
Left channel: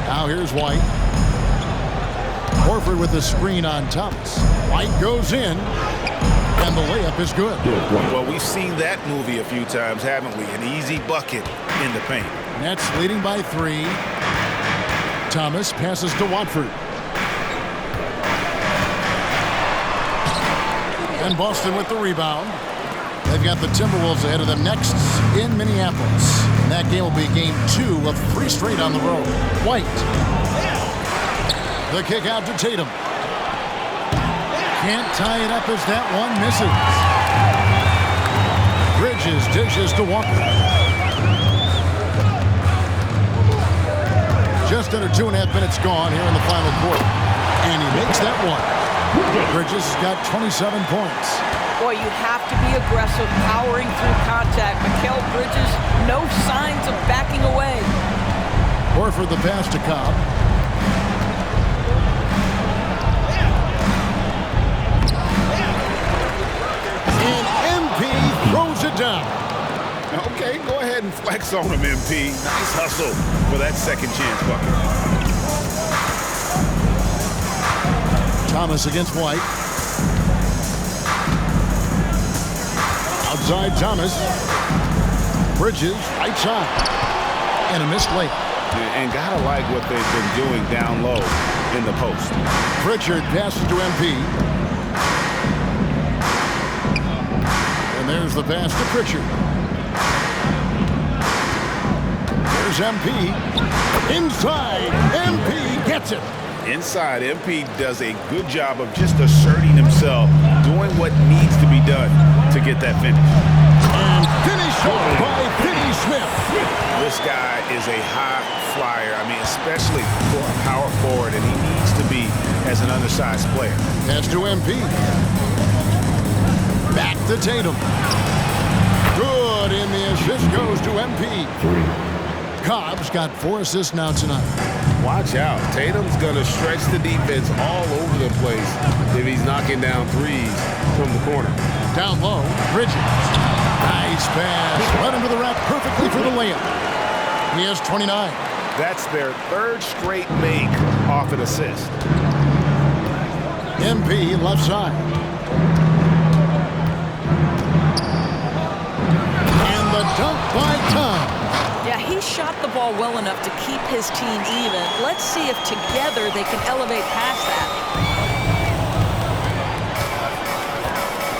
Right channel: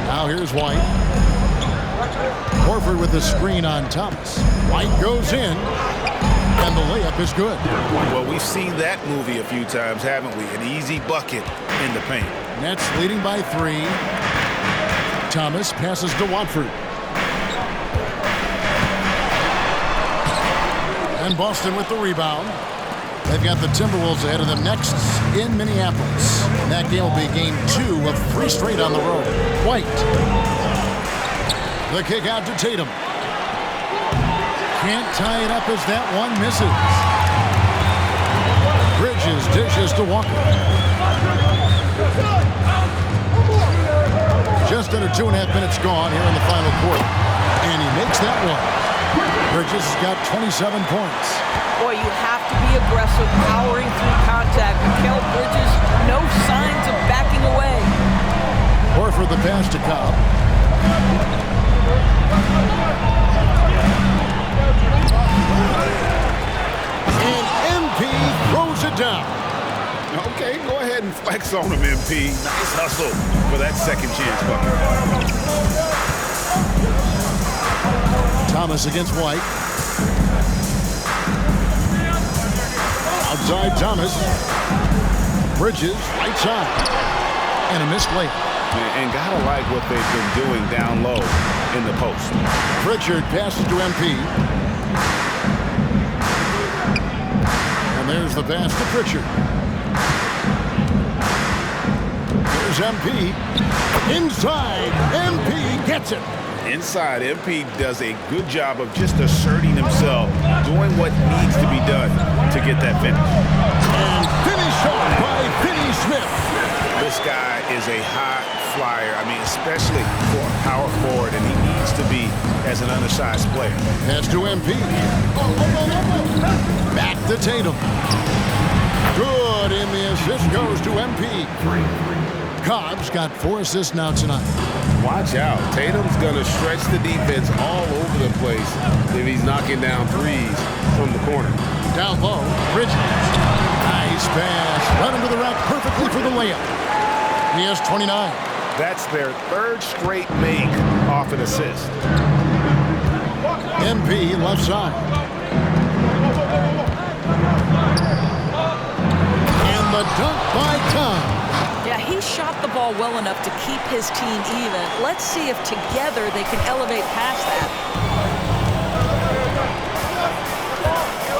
Now here's White. Horford with the screen on Thomas. White goes in, and the layup is good. Well, we've seen that movie a few times, haven't we? An easy bucket in the paint. Nets leading by 3. Thomas passes to Watford. And Boston with the rebound. They've got the Timberwolves ahead of them next in Minneapolis. And that game will be game 2 of 3 straight on the road. White. The kick out to Tatum. Can't tie it up as that one misses. Bridges dishes to Walker. Just under 2.5 minutes gone here in the final quarter. And he makes that one. Bridges has got 27 points. Boy, you have to be aggressive, powering through contact. Mikal Bridges, no signs of backing away. Horford the pass to Cobb. And MP throws it down. Okay, go ahead and flex on him, MP. Nice hustle for that second chance bucket. Thomas against White. Outside Thomas. Bridges, right side. And a missed layup. And gotta like what they've been doing down low in the post. Pritchard passes to MP. And there's the pass to Pritchard. There's MP. Inside, MP gets it. Inside, MP does a good job of just asserting himself, doing what needs to be done to get that finish. And finished off by Finney-Smith. This guy is a high flyer, I mean, especially for a power forward, and he needs to be as an undersized player. Pass to MP. Back to Tatum. Good, and the assist goes to MP. 3. Cobb's got 4 assists now tonight. Watch out. Tatum's going to stretch the defense all over the place if he's knocking down threes from the corner. Down low, Bridges. Nice pass. Right under the rack perfectly for the layup. He has 29. That's their 3rd straight make off an assist. MP left side. And the dunk by Tom. Yeah, he shot the ball well enough to keep his team even. Let's see if together they can elevate past that.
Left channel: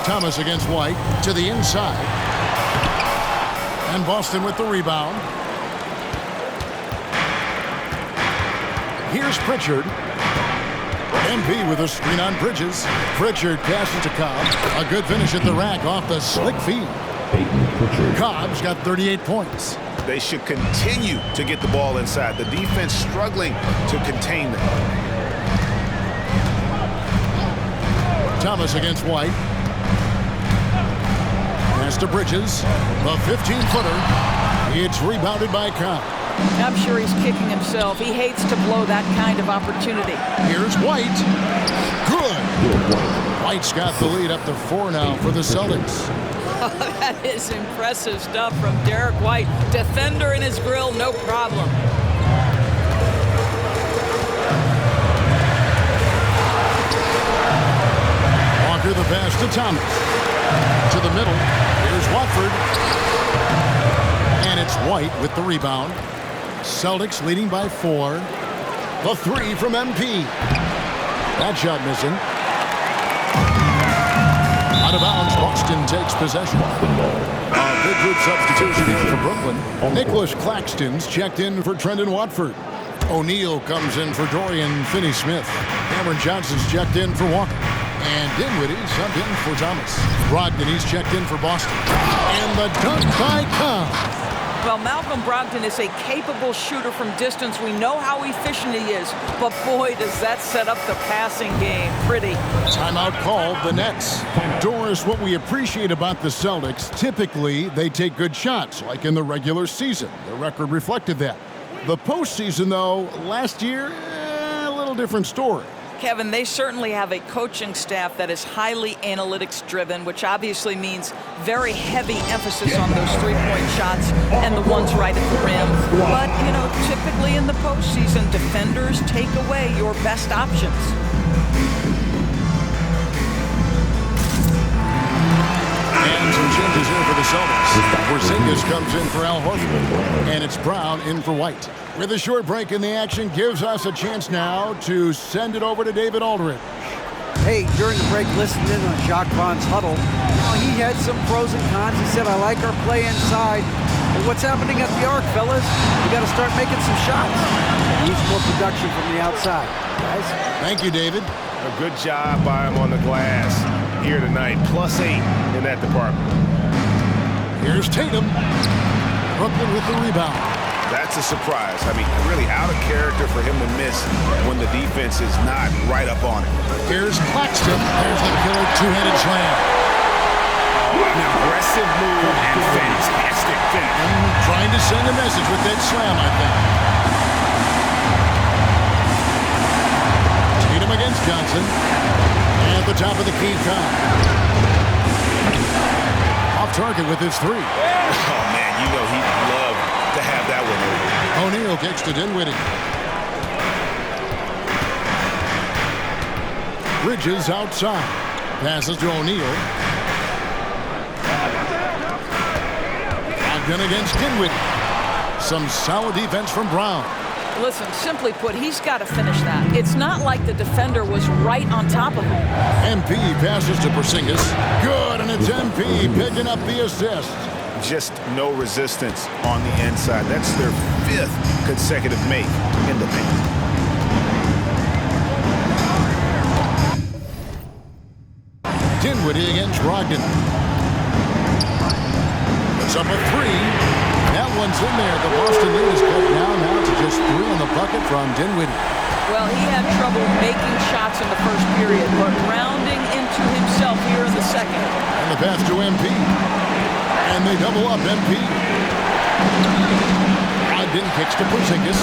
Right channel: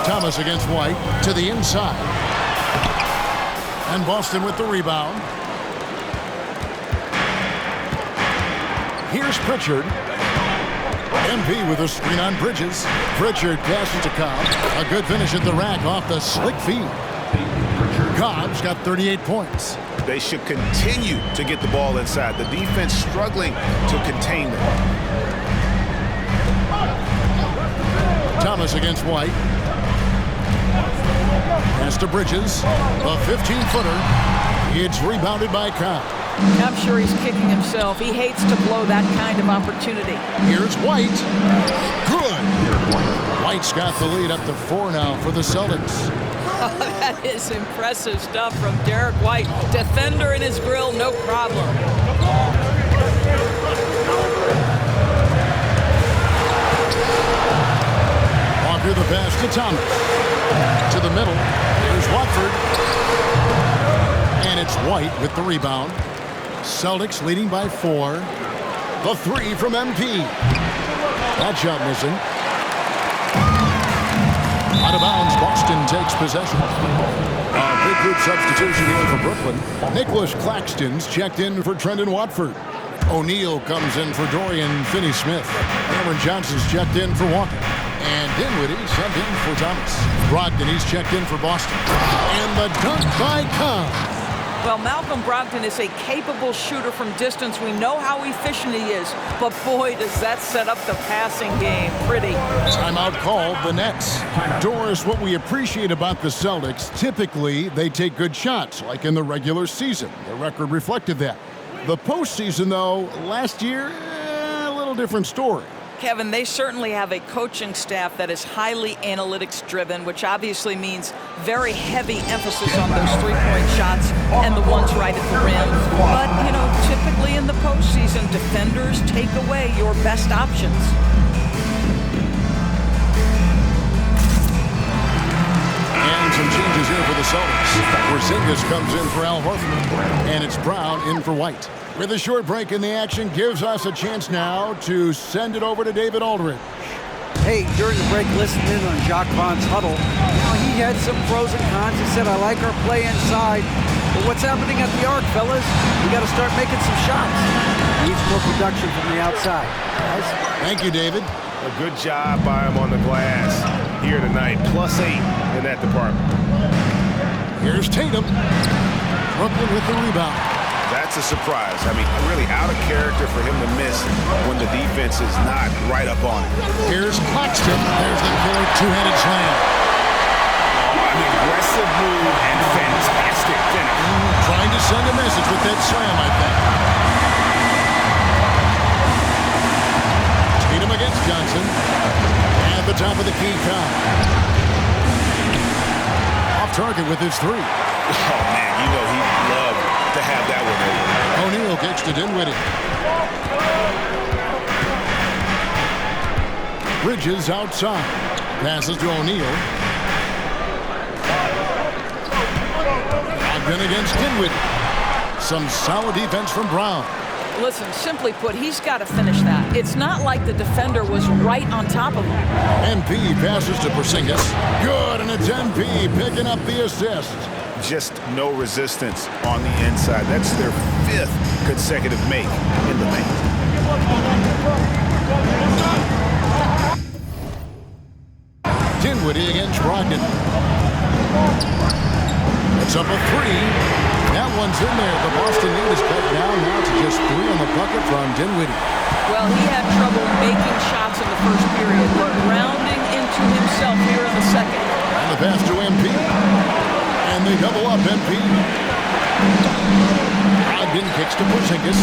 Thomas against White to the inside. And Boston with the rebound. Here's Pritchard. MP with a screen on Bridges. Pritchard passes to Cobb. A good finish at the rack off the slick feed. Cobb's got 38 points. They should continue to get the ball inside. The defense struggling to contain them. Thomas against White. Pass to Bridges. A 15-footer. It's rebounded by Cobb. I'm sure he's kicking himself. He hates to blow that kind of opportunity. Here's White. Good. White's got the lead up to 4 now for the Celtics. Oh, that is impressive stuff from Derek White. Defender in his grill, no problem. Walker the pass to Thomas. To the middle. Here's Watford. And it's White with the rebound. Celtics leading by 4. The 3 from MP. That shot missing. Out of bounds, Boston takes possession. A big group substitution here for Brooklyn. Nicholas Claxton's checked in for Trendon Watford. O'Neal comes in for Dorian Finney-Smith. Cameron Johnson's checked in for Walker. And Dinwiddie subbed in for Thomas. Brogdon, he's checked in for Boston. And the dunk by Cobb. Well, Malcolm Brogdon is a capable shooter from distance. We know how efficient he is, but boy, does that set up the passing game. Pretty. Timeout called, the Nets. Doris, what we appreciate about the Celtics, typically they take good shots, like in the regular season. The record reflected that. The postseason, though, last year, a little different story. Kevin, they certainly have a coaching staff that is highly analytics-driven, which obviously means very heavy emphasis on those three-point shots and the ones right at the rim. But, you know, typically in the postseason, defenders take away your best options. And some changes here for the Celtics. Porzingis comes in for Al Horford. And it's Brown in for White. With a short break in the action, gives us a chance now to send it over to David Aldridge. Hey, during the break, listening in on Jacques Vaughn's huddle, you know, he had some pros and cons. He said, I like our play inside. But what's happening at the arc, fellas? We got to start making some shots. Needs more production from the outside. Guys? Thank you, David. A good job by him on the glass here tonight. +8 in that department. Here's Tatum. Brooklyn with the rebound. That's a surprise. I mean, really out of character for him to miss when the defense is not right up on it. Here's Claxton. There's the killer two-handed slam. Oh, an aggressive move and fantastic finish. Trying to send a message with that slam, I think. Tatum against Johnson. At the top of the key, Cobb. Off target with his 3. Oh, man, you know he'd love to have that one over. O'Neal kicks to Dinwiddie. Bridges outside. Passes to O'Neal. Brogdon against Dinwiddie. Some solid defense from Brown. Listen, simply put, he's got to finish that. It's not like the defender was right on top of him. MP passes to Porzingis. Good, and it's MP picking up the assist. Just no resistance on the inside. That's their 5th consecutive make in the paint. Dinwiddie against Brogdon. It's up a 3. That one's in there. The Boston lead is cut now to just 3 on the bucket from Dinwiddie. Well, he had trouble making shots in the first period, but rounding into himself here in the second. And the pass to MP. And they double up MP. Brogdon kicks to Porzingis.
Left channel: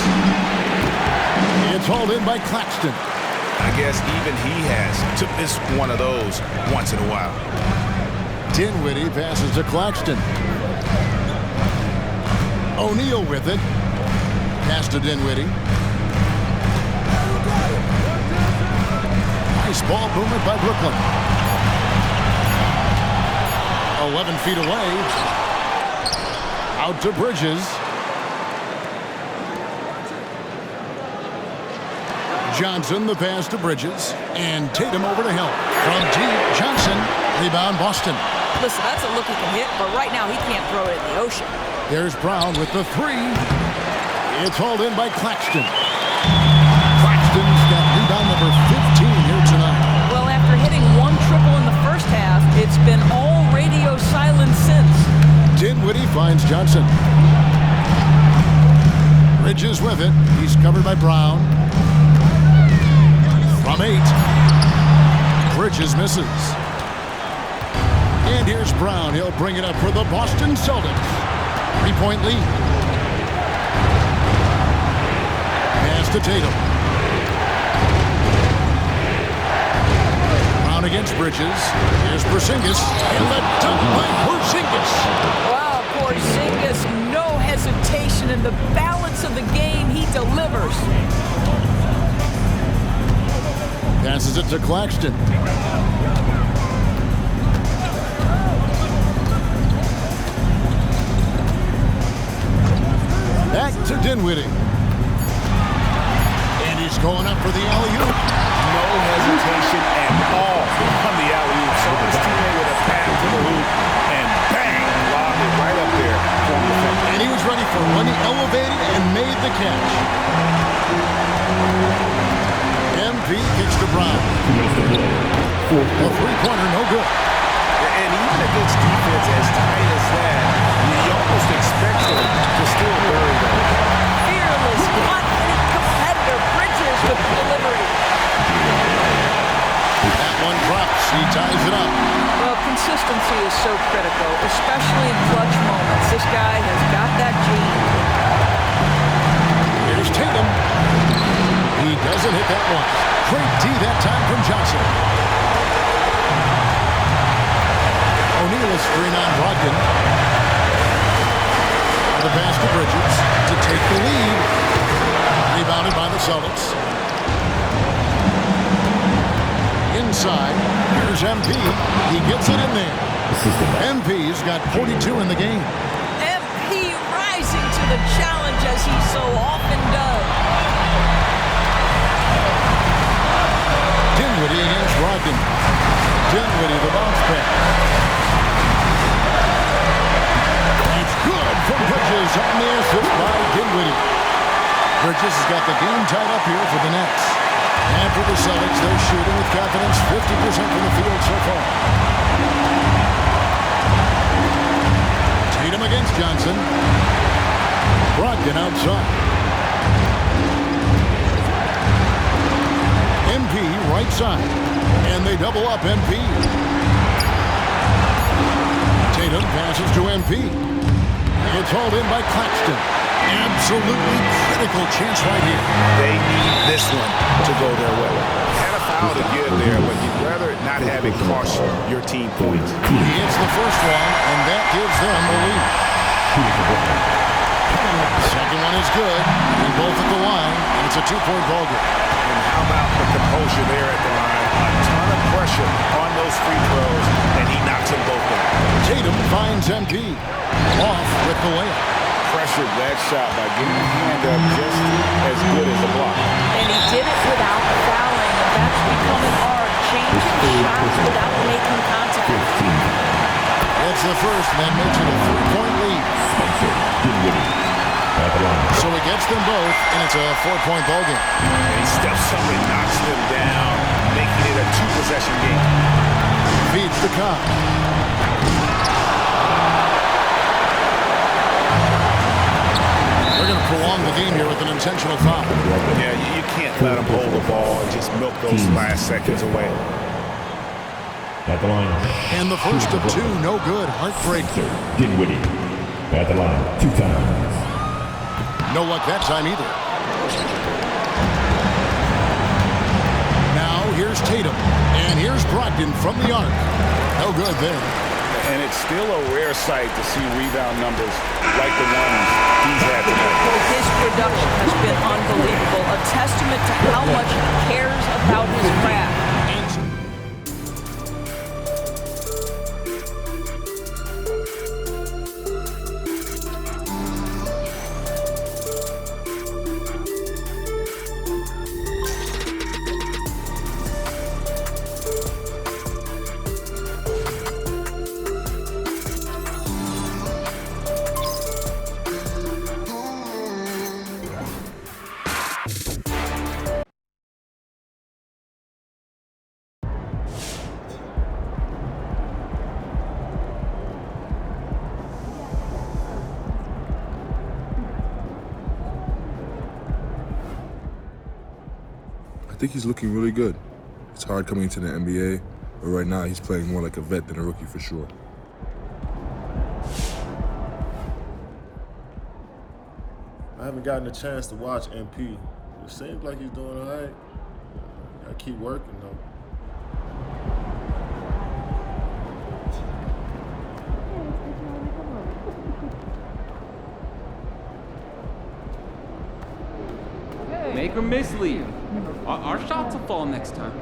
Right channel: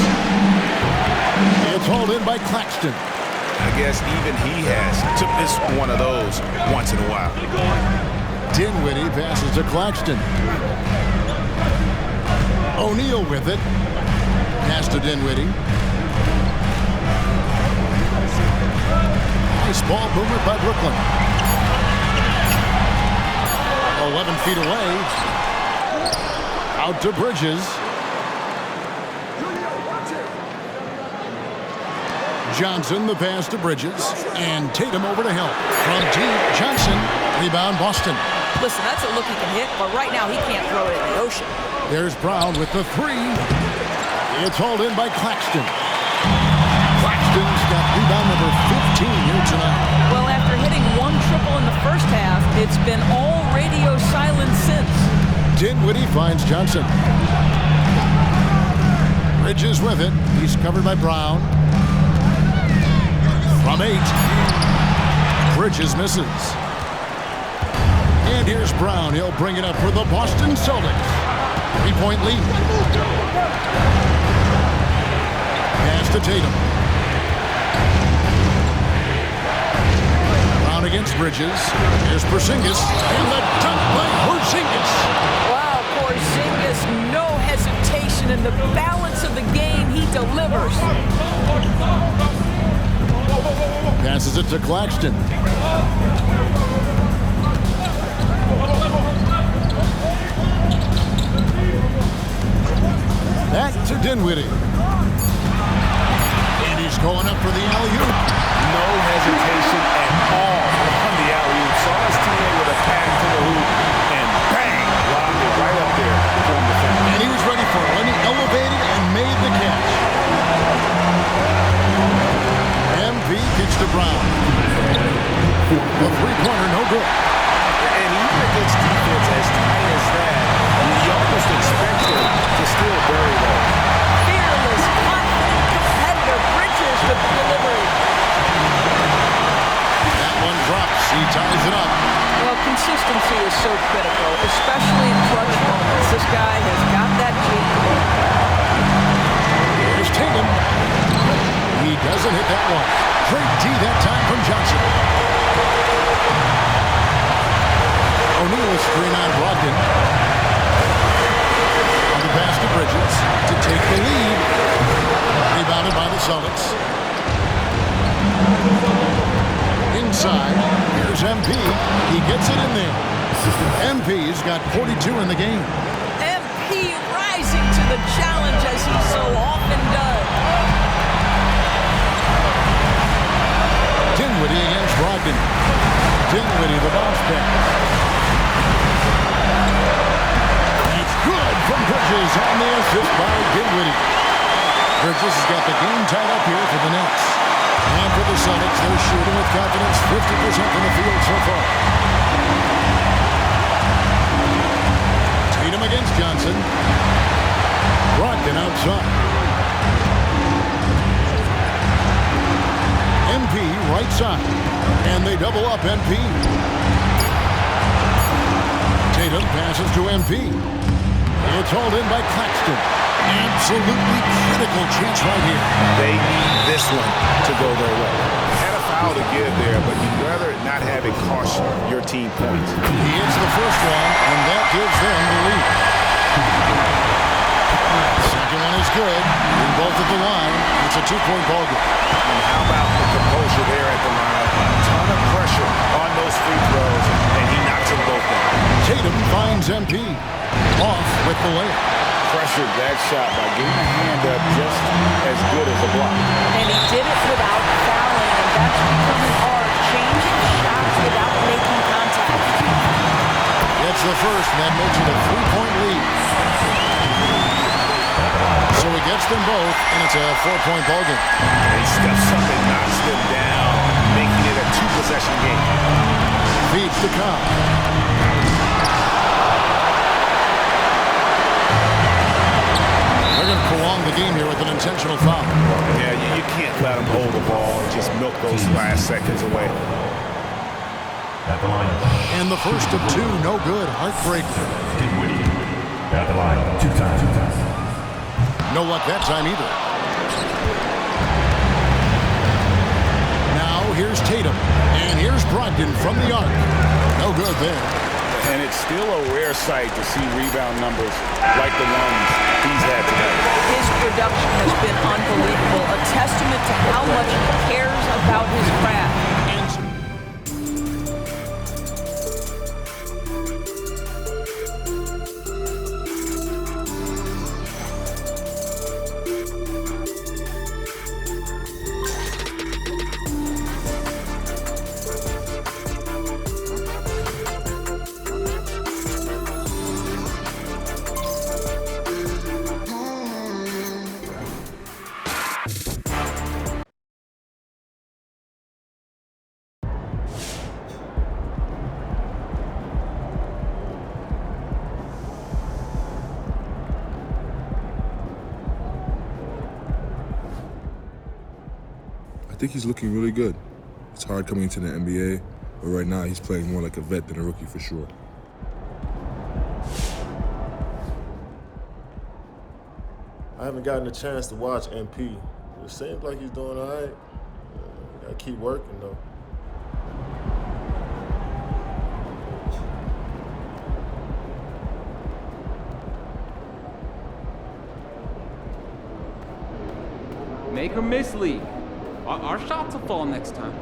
It's hauled in by Claxton. I guess even he has to miss one of those once in a while. Dinwiddie passes to Claxton. O'Neal with it. Pass to Dinwiddie. Nice ball movement by Brooklyn. 11 feet away. Out to Bridges. Johnson, the pass to Bridges. And Tatum over to help. From deep, Johnson. Rebound, Boston. Listen, that's a look he can hit, but right now he can't throw it in the ocean. There's Brown with the three. It's hauled in by Claxton. Claxton's got rebound number 15 here tonight. Well, after hitting one triple in the first half, it's been all radio silence since. Dinwiddie finds Johnson. Bridges with it. He's covered by Brown. From 8. Bridges misses. And here's Brown. He'll bring it up for the Boston Celtics. 3-point lead. Pass to Tatum. Brown against Bridges. Here's Porzingis. And the dunk by Porzingis. Wow, Porzingis, no hesitation in the balance of the game. He delivers. Passes it to Claxton. Back to Dinwiddie. And he's going up for the alley-oop. No hesitation at all on the alley-oop. Saw his teammate with a pass to the hoop, and bang, lobbed it right up there for him to finish. And he was ready for it when he elevated and made the catch. MP kicks to Brown. A three-pointer, no good. And even against defense as tight as that, you almost expect him to still bury those. Fearless, confident competitor. Bridges with the delivery. That one drops. He ties it up. Well, consistency is so critical, especially in clutch moments. This guy has got that gene. Here's Tatum. He doesn't hit that one. Great D that time from Johnson. O'Neal a screen on Brogdon. On the pass to Bridges to take the lead. Rebounded by the Celtics. Inside, here's MP. He gets it in there. MP's got 42 in the game. MP rising to the challenge as he so often does. Dinwiddie against Brogdon. Dinwiddie, the bounce pass. It's good from Bridges on the assist by Dinwiddie. Bridges has got the game tied up here for the Nets. And for the Celtics, they're shooting with confidence 50% from the field so far. Tatum against Johnson. Brogdon outside. MP right side. And they double up MP. Tatum passes to MP. It's hauled in by Claxton. Absolutely critical chance right here. They need this one to go their way. Had a foul to give there, but you'd rather not have it cost your team points. He hits the first one, and that gives them the lead. Second one is good. We both at the line, and it's a two-point ball game. And how about the composure there at the line? A ton of pressure on those free throws, and he knocks them both down. Tatum finds MP. Off with the layup. Pressured that shot by getting a hand up just as good as a block. And he did it without fouling, and that's become an art, changing shots without making contact. It's the first, and that makes it a three-point lead. So he gets them both, and it's a four-point ball game. And he steps up and knocks them down, making it a two-possession game. Feeds to Cobb. They're going to prolong the game here with an intentional foul. Yeah, you can't let them hold the ball and just milk those last seconds away. At the line. And the first of two, no good. Heartbreak. Dinwiddie. At the line, 2 times. No luck that time either. Now here's Tatum. And here's Brogdon from the arc. No good there. And it's still a rare sight to see rebound numbers like the ones he's had tonight. His production has been unbelievable, a testament to how much he cares about his craft. I think he's looking really good. It's hard coming into the NBA, but right now he's playing more like a vet than a rookie for sure. I haven't gotten a chance to watch MP. It seems like he's doing all right. Gotta keep working though. Make or miss league. Our shots will fall next time.